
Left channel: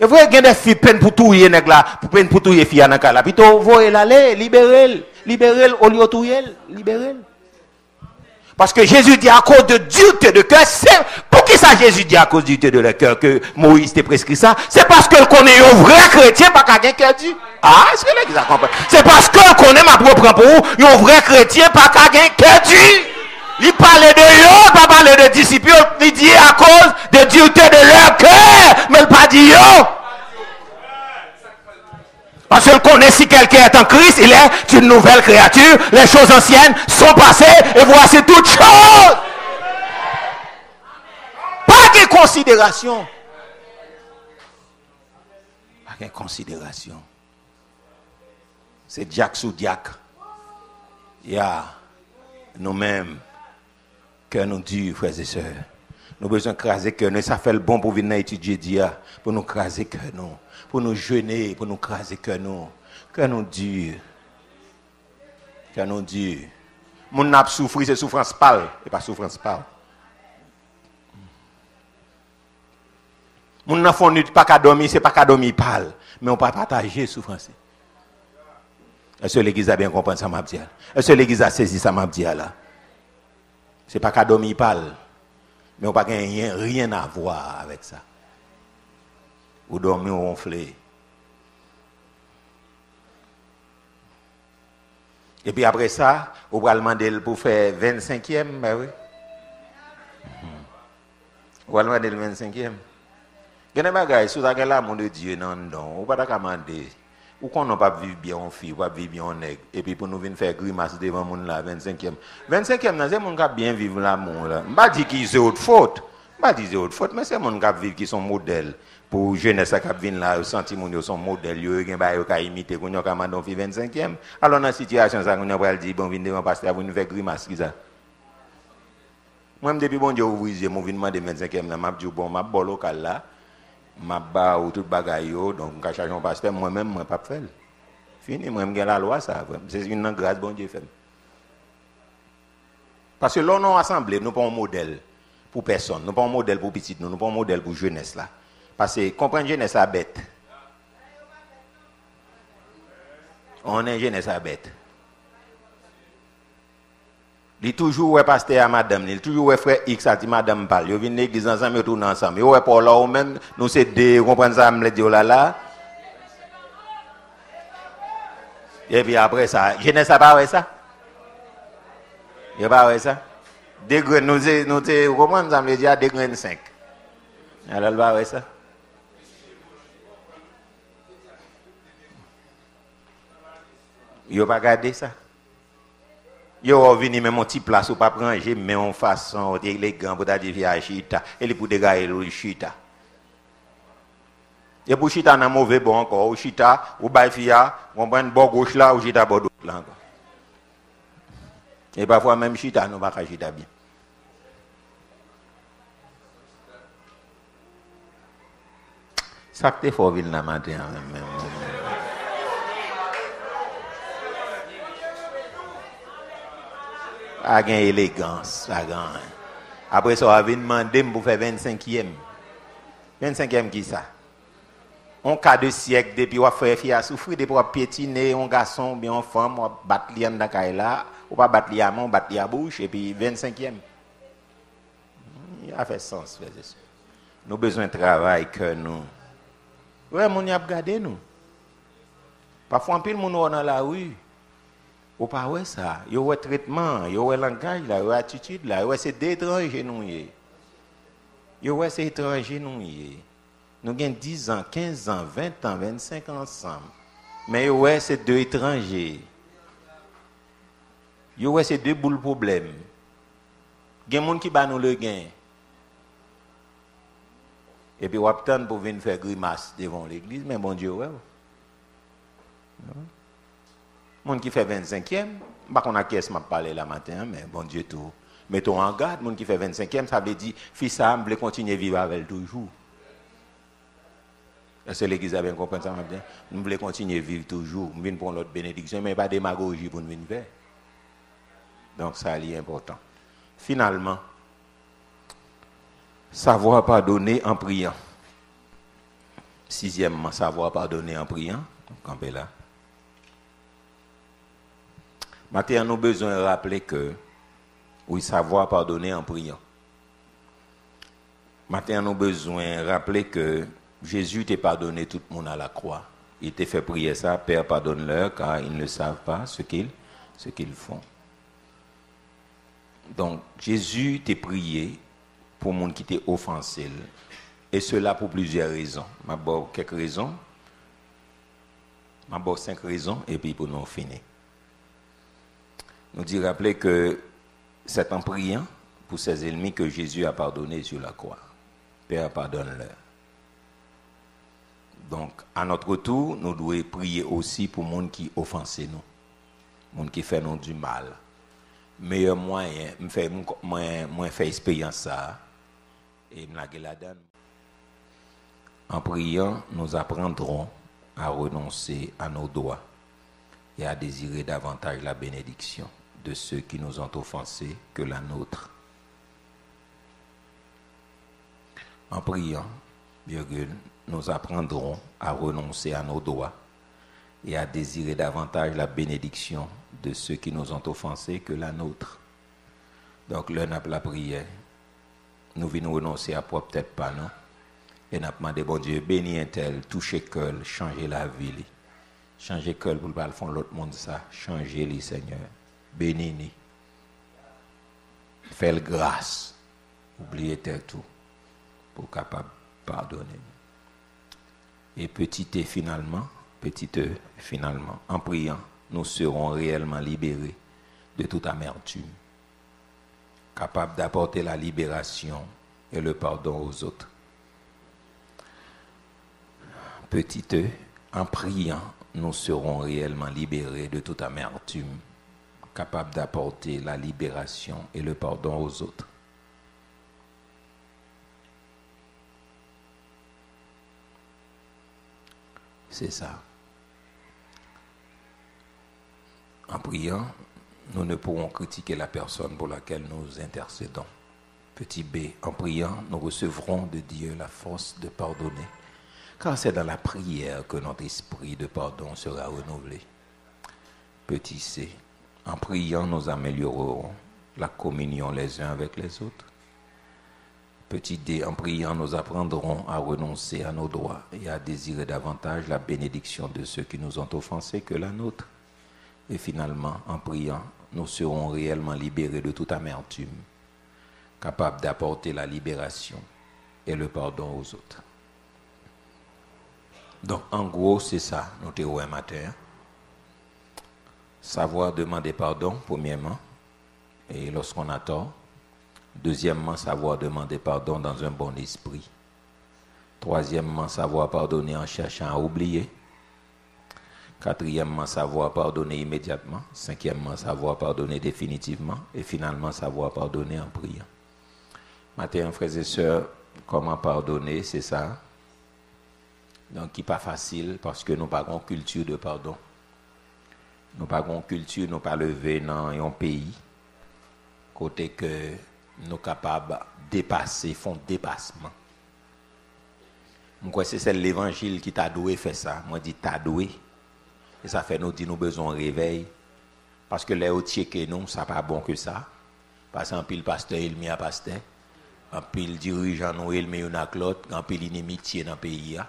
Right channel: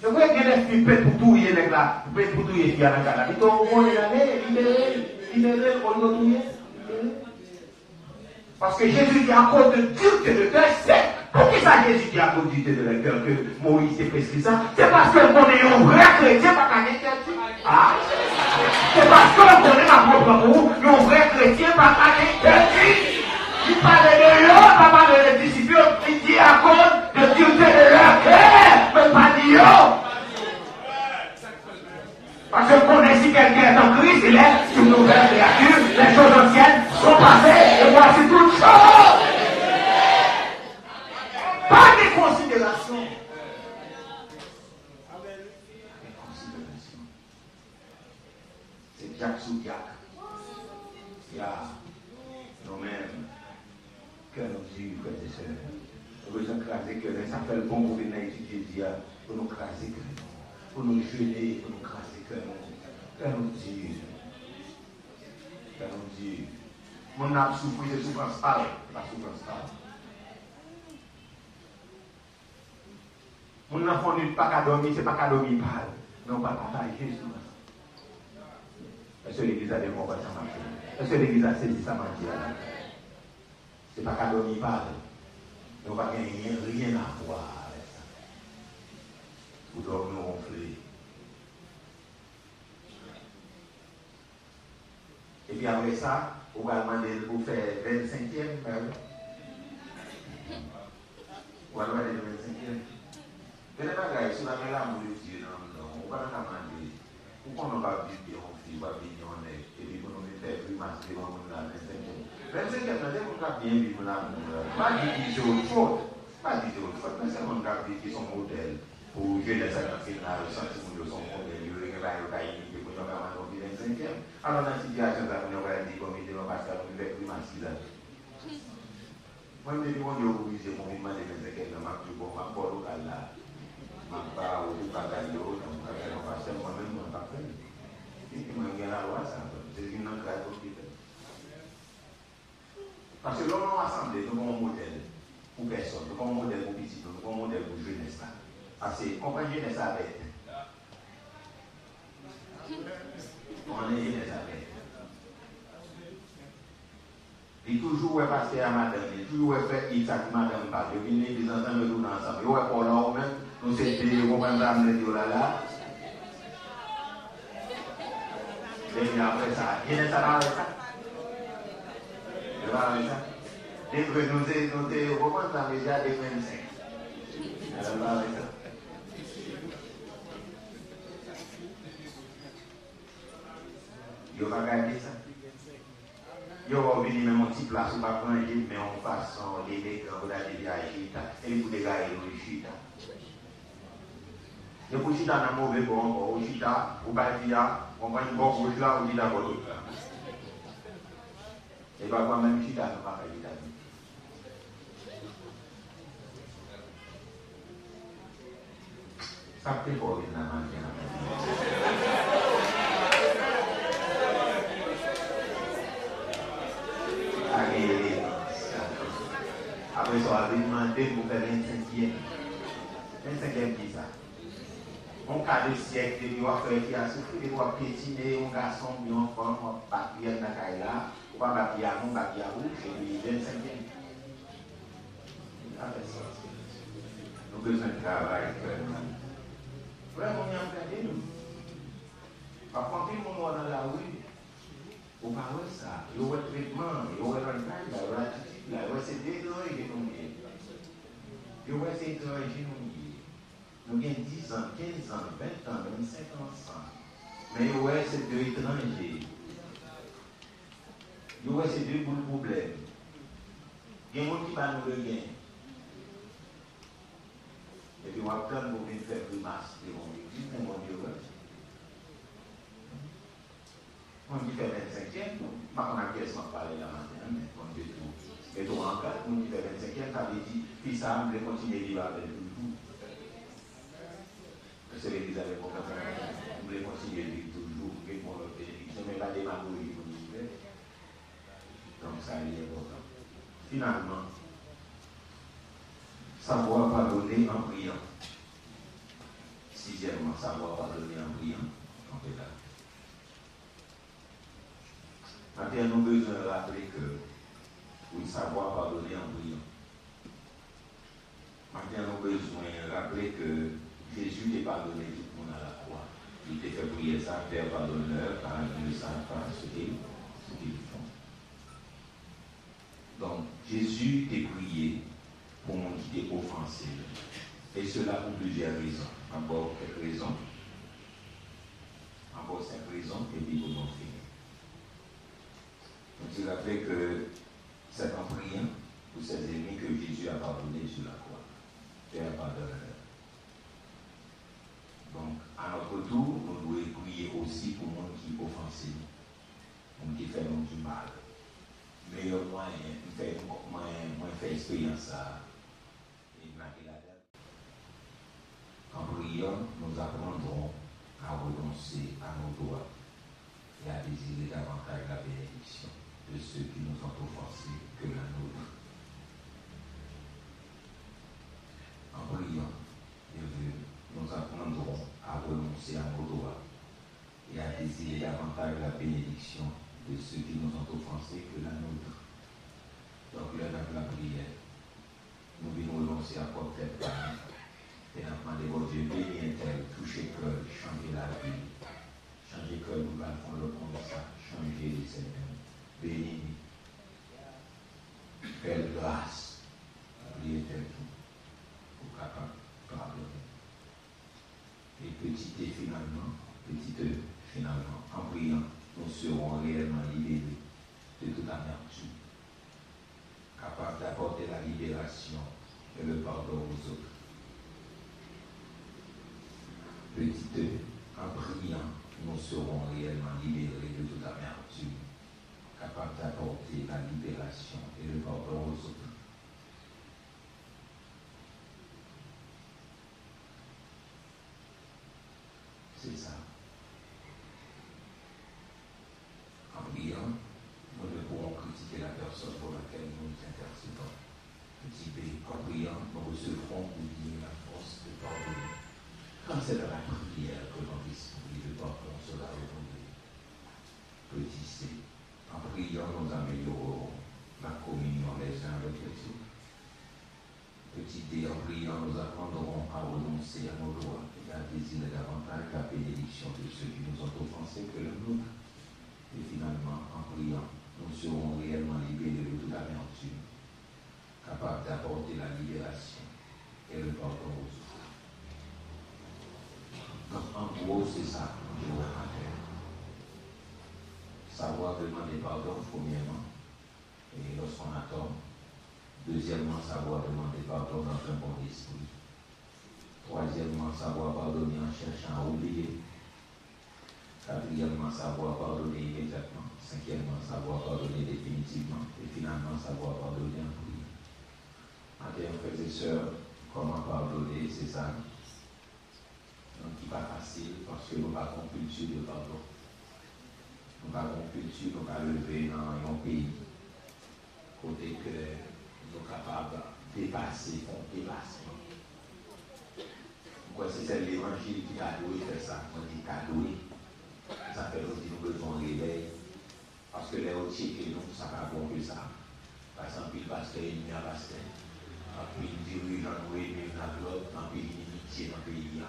Et vous avez des filles peine pour tout les nèg là, peine pour tout les filles dans là, plutôt voyez l'aller, libérer au lieu tout libérer. Parce que Jésus dit à cause de dureté de cœur, c'est pour qui ça Jésus dit à cause de dureté de cœur que Moïse t'a prescrit ça? C'est parce que connaît un vrai chrétien pas qu'à cœur dur. Ah, est-ce que vous avez compris? C'est parce que connaît ma propre pour un vrai chrétien pas qu'à cœur dur. Il parlait de eux, pas parler de disciples, il dit à cause de dureté de leur cœur, mais il pas dit yo. Parce qu'on connaît si quelqu'un est en Christ, il est une nouvelle créature. Les choses anciennes sont passées et voici toutes choses. Pas de considération. Pas de considération. C'est diacre sous diacre. Il y a nous-mêmes, cœur nous durs, frères et sœurs. Nous avons besoin de craser cœur. Ça fait le bon pour venir étudier dia, pour nous craser cœur nous. Pour nous jeûner, pour nous craser que nous dur. Que nous dur. Mon n'a souffrir, c'est souffrance pâle, et pas souffrance pâle. Mon n'a fondu pas qu'à dormir, c'est pas qu'à dormir pâle, mais on peut partager souffrance. Est-ce que l'église a bien compris ça m'a dit? Est-ce que l'église a saisi ça m'a dit là? C'est pas qu'à dormir pâle, mais on n'a rien à voir avec ça. Ou dormir ronflé. Et puis après ça, on va demander pour faire 25e, ben oui. On va demander le 25e. Il y a des bagages, si vous avez l'amour de Dieu, non, on ne va pas demander. Ou qu'on n'a pas vivre bien en fille, ou pas vivre bien en nègre. Et puis pour nous venir faire grimace devant le monde là, 25e. 25e, c'est mon qui bien vivre l'amour là. Je ne pas dire qu'ils c'est autre faute. Je ne pas dire c'est autre faute, mais c'est mon qui vivre qui sont modèles. Pour jeunesse qui vient là, senti mon son modèle, yo gen ba yo ka imiter qu'on yo ka mandon fi 25e. Alors dans situation ça on va dire bon vinn devant pasteur pour nous faire grimace qui ça. Moi depuis bon Dieu ouvrir yeux, mon vinn demander 25e là, m'a dit bon m'a bon local là, m'a ba ou tout bagay yo, donc ka charger pasteur moi-même moi pas faire. Fini moi m'gen la loi ça, c'est une grâce bon Dieu fait. Parce que là nous assemblée, nous pas un modèle pour personne, nous pas un modèle pour petit, nous pas un modèle pour jeunesse là. Parce que comprendre jeunesse à bête. On est jeunesse à bête. Il toujours ouais pasteur à madame, il toujours ouais frère X a dit madame parle. Yo vinn l'église ensemble, yo tourne ensemble. Yo ouais pour là ou même nous c'est des comprendre ça me dire là. Et puis après ça, jeunesse à pas ouais ça. Il pas ouais ça. Des grains nous comprendre ça me dire des grains 5. Alors pas ouais ça. Yo pas garder ça. Yo vini même mon petit place ou pas ranger mais en façon élégant pour d'aller via chita et les pour dégager le chita. Et pour chita na mauvais bon encore ou chita ou bay fia on prend bord gauche là ou chita bord droite là. Et parfois même chita nous pas chita bien. Ça fait fort ville la matin. A gain élégance, la grande. Après ça, on va demander pour faire 25e. 25e qui ça? On cas de siècle depuis on fait fille à souffrir depuis on piétiner un garçon bien une femme on battre li dans caille là, on pas battre li à main, battre li à bouche et puis 25e. Il a fait sens frère. Nous besoin de travail que nous. Ouais, mon y a regardé nous. Parfois un pile moun dans la rue. Ou pas ouais ça, yo ouais traitement, yo ouais langage là, yo attitude là, ouais c'est d'étrangers nous y. Yo ouais c'est étranger nous y. Nous avons 10 ans, 15 ans, 20 ans, 25 ans ensemble. Mais yo ouais c'est deux étrangers. Yo ouais c'est deux boules problème. Il y a des gens qui bat nous le gain. Et puis on attend pour venir faire grimace devant l'église, mais bon Dieu ouais. Monde qui fait 25e, pas qu'on a caisse m'a parlé la matin, mais bon Dieu tout. Mettons en garde, monde qui fait 25e, ça veut dire fils ça veut continuer à vivre avec elle toujours. Est-ce que l'église a bien compris ça maintenant? Nous voulons continuer à vivre toujours, nous voulons prendre notre bénédiction, mais pas démagogie pour nous faire. Donc ça est important. Finalement, savoir pardonner en priant. Sixièmement, savoir pardonner en priant. Campez là. Maintenant, nous avons besoin de rappeler que, oui, savoir pardonner en priant. Maintenant, nous avons besoin de rappeler que Jésus t'a pardonné tout le monde à la croix. Il t'a fait prier ça, Père, pardonne-leur, car ils ne savent pas ce qu'ils font. Donc, Jésus t'a prié pour le monde qui t'a offensé. Et cela pour plusieurs raisons. D'abord, quelques raisons. D'abord, 5 raisons, et puis pour nous finir. Nous dit rappeler que c'est en priant pour ses ennemis que Jésus a pardonné sur la croix. Père, pardonne-leur. Donc, à notre tour, nous devons prier aussi pour les gens qui offensent nous, les gens qui font nous du mal. Meilleur moyen, moi faire expérience ça, et me la donne. En priant, nous apprendrons à renoncer à nos droits et à désirer davantage la bénédiction de ceux qui nous ont offensés que la nôtre. En priant, nous apprendrons à renoncer à nos droits et à désirer davantage la bénédiction de ceux qui nous ont offensés que la nôtre. Donc, l'un n'a pas la prière. Nous venons renoncer à propre tête pas non. Et nous demandé, bon Dieu, bénis un tel, toucher cœur, changer la vie. Changer cœur pour le fond de l'autre monde, ça. Changer les Seigneur. Bénis-nous. Fais grâce. Oubliez tout. Pour capable pardonner. Et petit e finalement, en priant, nous serons réellement libérés de toute amertume. Capables d'apporter la libération et le pardon aux autres. Petit e, en priant, nous serons réellement libérés de toute amertume, capables d'apporter la libération et le pardon aux autres. C'est ça. En priant, nous ne pourrons critiquer la personne pour laquelle nous intercédons. Petit b, en priant, nous recevrons de Dieu la force de pardonner. Car c'est dans la prière que notre esprit de pardon sera renouvelé. Petit c, en priant, nous améliorerons la communion les uns avec les autres. Petit d, en priant, nous apprendrons à renoncer à nos droits et à désirer davantage la bénédiction de ceux qui nous ont offensés que la nôtre. Et finalement, en priant, nous serons réellement libérés de toute amertume, capables d'apporter la libération et le pardon aux autres. Donc, en gros, c'est ça, nous te un matin. Savoir demander pardon, premièrement, et lorsqu'on a tort. Deuxièmement, savoir demander pardon dans un bon esprit. Troisièmement, savoir pardonner en cherchant à oublier. Quatrièmement, savoir pardonner immédiatement. Cinquièmement, savoir pardonner définitivement. Et finalement, savoir pardonner en priant. Matin, frères et sœurs, comment pardonner, c'est ça. Donc, qui n'est pas facile parce que nous n'avons pas une culture de pardon. Nous n'avons pas une culture, nous pas lever dans un pays côté que nous sommes capables de dépasser, font dépassement. Moi, c'est l'évangile qui t'a doué faire ça. Moi, je dis t'a doué. Et ça fait nous dire nous besoin de réveil. Parce que les autres que nous, ça n'est pas bon que ça. Parce qu'un pile pasteur, il met un pasteur. Un pile dirigeant, il met un autre. Un pile inimitié dans le pays.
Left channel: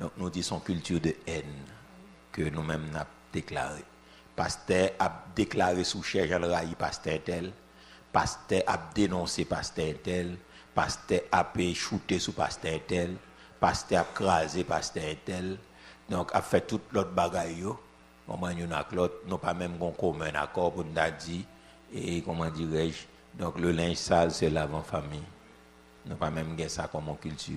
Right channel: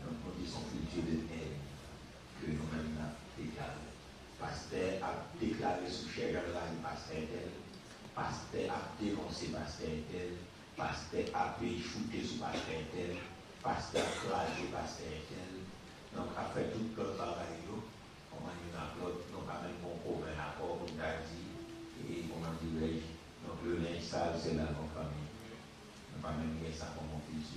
Donc, nous disons culture de haine que nous-mêmes avons déclaré. Pasteur a déclaré sous cher Jean Raï, pasteur tel. Pasteur a dénoncé pasteur tel. Pasteur a shooté sous pasteur tel. Pasteur a crasé pasteur tel. Donc, a fait toute l'autre bagaille. Comment nous n'avons pas même un commun accord pour nous dire, et comment dirais-je, donc le linge sale, c'est l'avant-famille. Nous n'avons pas même ça comme culture.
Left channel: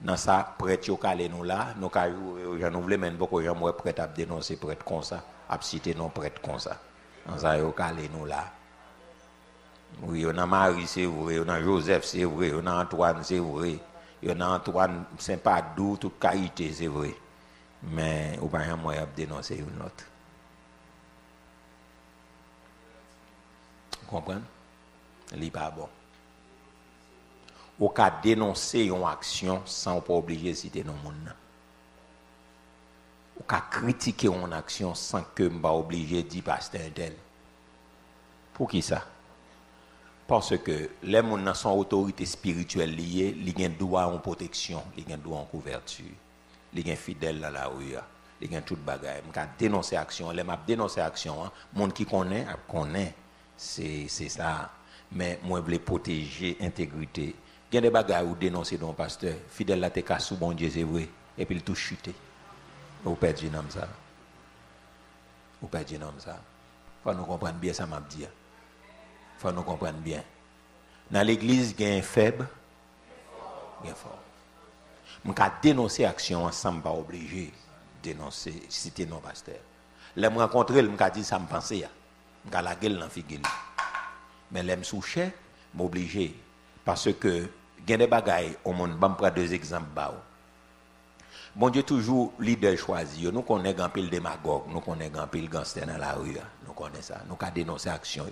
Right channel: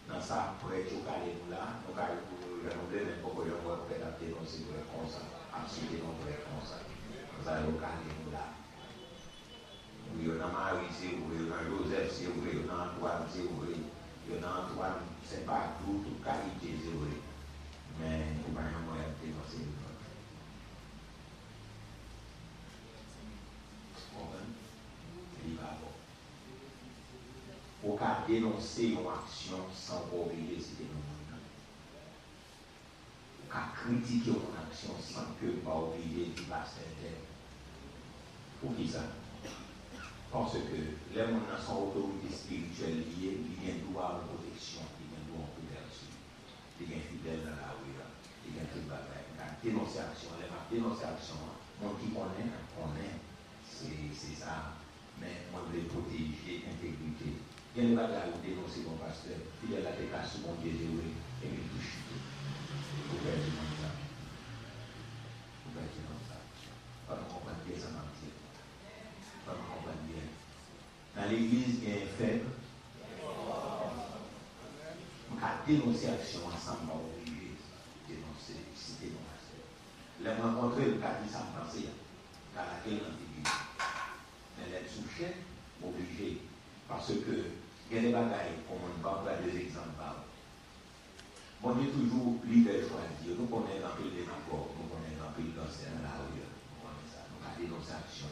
Dans ça, prêtre au calé nous là, nous avons voulu même beaucoup de gens prêts à dénoncer prêtre comme ça, à citer non prêtre comme ça. Dans ça, au calé nous là. Oui, on a Marie, c'est vrai, on a Joseph, c'est vrai, on a Antoine, c'est vrai, on a Antoine Saint-Padou, toute qualité, c'est vrai. Mais au moyen moyen de dénoncer une autre. Vous comprenez? Il pas bon. Au cas de dénoncer une action sans pas obliger de citer nos monde. Au cas de critiquer une action sans que je ne pas obligé de dire pasteur tel. Pour qui ça? Parce que les gens sont autorité spirituelle liée, ils ont droit en protection, ils ont droit en couverture. Les gens fidèles dans la rue, les gens tout bagaille. Quand dénoncer action, les m'a dénoncer action, monde qui connaît, c'est ça. Mais moi je veux protéger l'intégrité. Il y a des bagailles où dénoncer ton pasteur, fidèle là t'es cassé bon Dieu c'est vrai, et puis il tout chuté. Vous perdez dans ça. Vous perdez dans ça. Faut nous comprendre bien ça m'a dit. Faut nous comprendre bien. Dans l'église il y a un faible. Je vais dénoncer l'action ensemble, pas obligé de dénoncer, citer nos pasteurs. Les me rencontrer, je vais dire ça me pensait. Je vais la gueule dans la figure. Mais les me soucher, je suis obligé. Parce que, il y a des bagailles, au monde, je vais prendre deux exemples. Bon Dieu, toujours leader choisi. Nous connaissons un pile démagogue, nous connaissons un pile gangster dans la rue. Nous connaissons ça. Nous avons dénoncé l'action.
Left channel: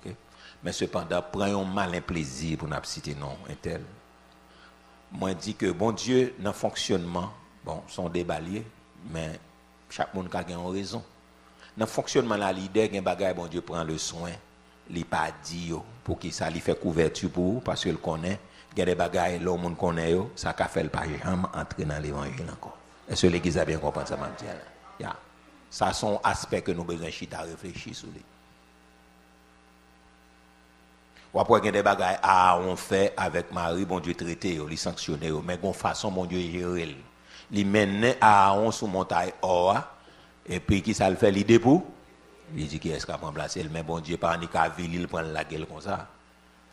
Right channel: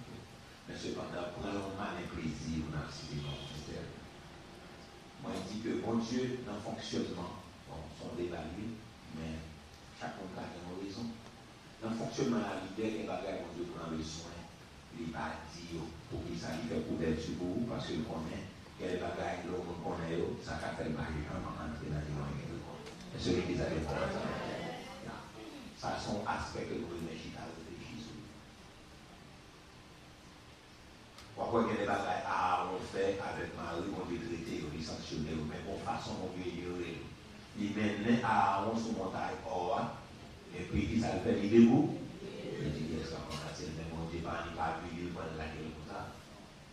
Okay? Mais cependant, prenons malin plaisir pour nous citer non. Moi, je dis que bon Dieu, dans le fonctionnement, bon, sont débaliés, mais chaque monde a une raison. Dans le fonctionnement, la leader, il y a un bagage, bon Dieu prend le soin, il n'est pas dit pour qu'il ça lui fait couverture pour vous, parce qu'il connaît, il y a des bagages, l'homme monde connaît, ça ne fait pas jamais entrer dans l'évangile encore. Est-ce que l'église a bien compris ça, yeah. Ça sont aspects que nous devons réfléchir sur lui. Ou après, il y a des bagages on fait avec Marie, bon Dieu traité, il sanctionné, mais de façon, bon Dieu gérer. Il mène à on sur montagne or, et puis qui ça le fait, il debout. Il dit qu'il est capable de remplacer, mais bon Dieu, pas en ville, il prend la gueule comme ça.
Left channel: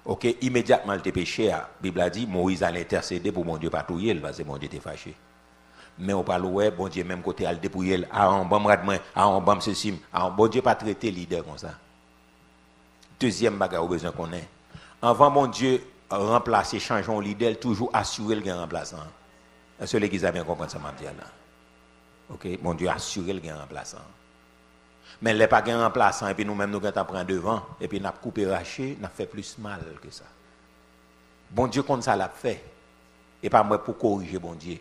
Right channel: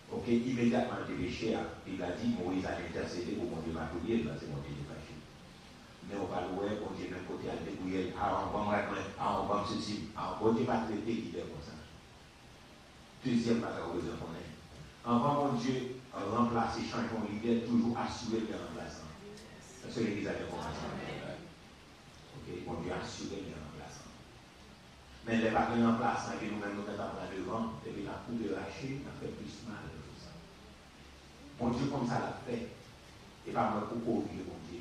Ok, immédiatement, il était péché. La Bible a dit, Moïse allait intercéder pour mon Dieu patrouiller, parce que mon Dieu était fâché. Mais on parle, ouais, bon Dieu, même côté, il dépouiller, on bon ceci, bon Dieu pas traiter leader comme ça. Deuxième bagage, besoin qu'on ait. Avant, mon Dieu, remplacer, changer un leader, toujours assurer le gain remplaçant. Est-ce que l'église a bien compris ça, maintenant? Ok, mon Dieu, assurer le gain remplaçant. Mais les pas gain remplaçant, et puis nous-mêmes, nous avons devant, et puis nous avons coupé, raché, nous avons fait plus mal que ça. Bon Dieu, comme ça l'a fait. Et pas moi pour corriger, bon Dieu.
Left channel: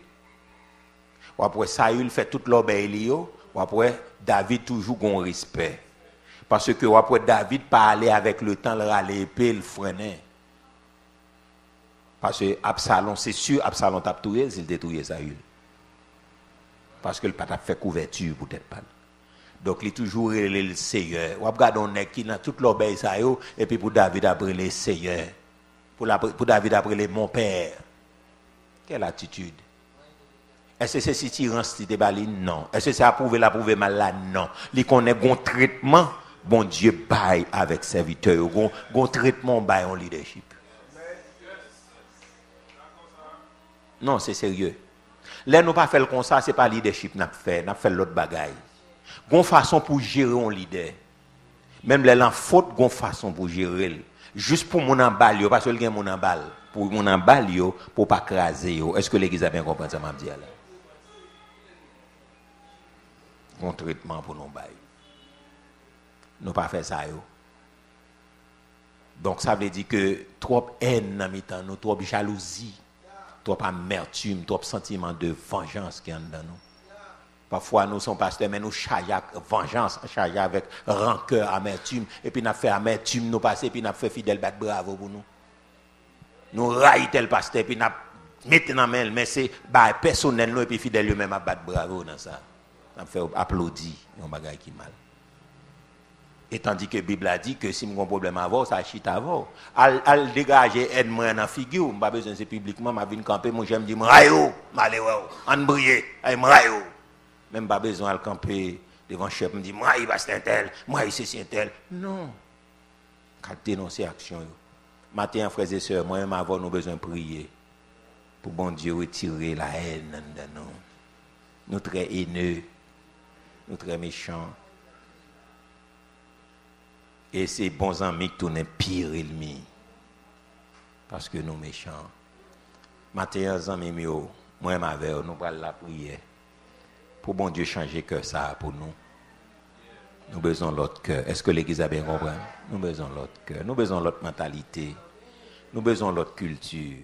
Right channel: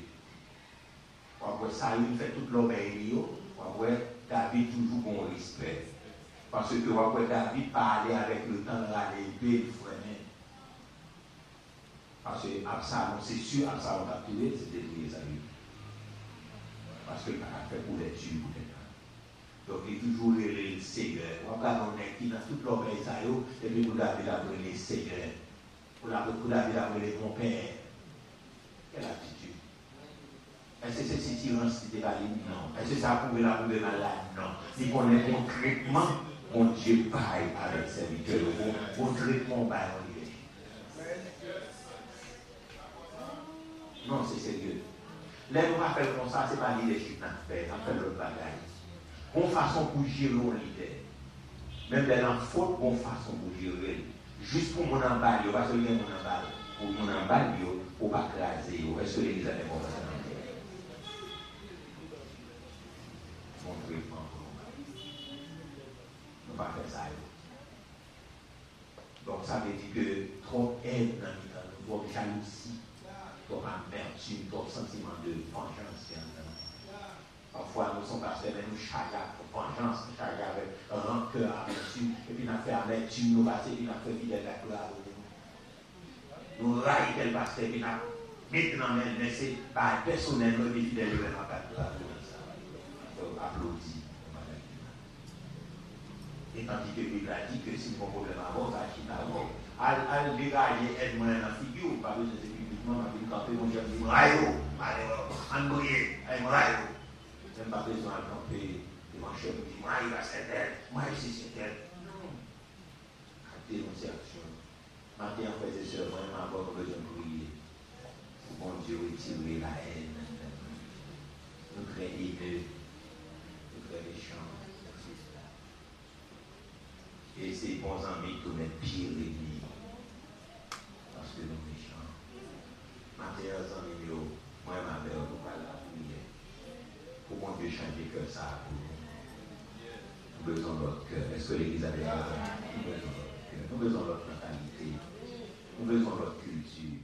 Ou après, Saül fait toute l'obéi, ou après, David toujours un respect. Parce que après David parlait avec le temps, il râlait épée, il freinait. Parce que Absalom, c'est sûr, Absalom t'a tué, c'est détruit Saül. Parce que le pas fait couverture pour tête pas. Donc il est toujours le Seigneur. Ou regarde on est qui dans toute l'obéi ça et puis pour David après le Seigneur. Pour David après le mon père. Quelle attitude? Est-ce que c'est si tyran si débali? Non. Est-ce que c'est approuvé mal là? Non. Il connaît bon traitement. Bon Dieu baille avec serviteur, bon traitement baille en leadership. Non, c'est sérieux. Là, nous pas fait comme ça, c'est pas leadership n'a fait l'autre bagaille. Gon façon pour gérer un leader. Même les en faute, gon façon pour gérer. Juste pour mon emballe, parce que il y a mon emballe. Pour mon emballe, pour pas craser. Est-ce que l'église a bien compris ça, m'a dit? un traitement pour nous bailler. Nous pas faire ça yo. Donc ça veut dire que trop haine dans mi-temps nous, trop jalousie, trop amertume, trop sentiment de vengeance qui est dans nous. Parfois nous sommes pasteurs mais nous chargeons vengeance, chargeons avec rancœur, amertume et puis nous fait amertume nous passer puis nous fait fidèle bac bravo pour nous. Nous raillons tel pasteur puis nous mettons dans main mais c'est bah personnel nous et puis fidèle lui-même à battre bravo dans ça. On fait applaudir un bagage qui mal. Et tandis que la Bible a dit que si j'ai un problème avant, ça chite avant. Al dégager aide-moi dans la figure, je n'ai pas besoin de publiquement, je viens camper, moi j'aime dire, m'rayo, malheureux, en briller, m'rayo. Même pas besoin de camper devant le chef, me dire, m'rayo, c'est tel, m'rayo, c'est tel. Non. Quand dénoncer l'action. Matin, frères et sœurs, moi-même, avant, nous avons besoin de prier. Pour bon Dieu retirer la haine de nous. Nous très haineux, nous très méchants. Et ces bons amis qui tournent pire ennemi. Parce que nous méchants. Matin, les amis, moi et ma mère, nous allons la prière. Pour bon Dieu changer que ça pour nous. Nous avons besoin de l'autre cœur. Est-ce que l'Église a bien compris? Nous avons besoin de l'autre cœur. Nous avons besoin de l'autre mentalité. Nous avons besoin de l'autre culture.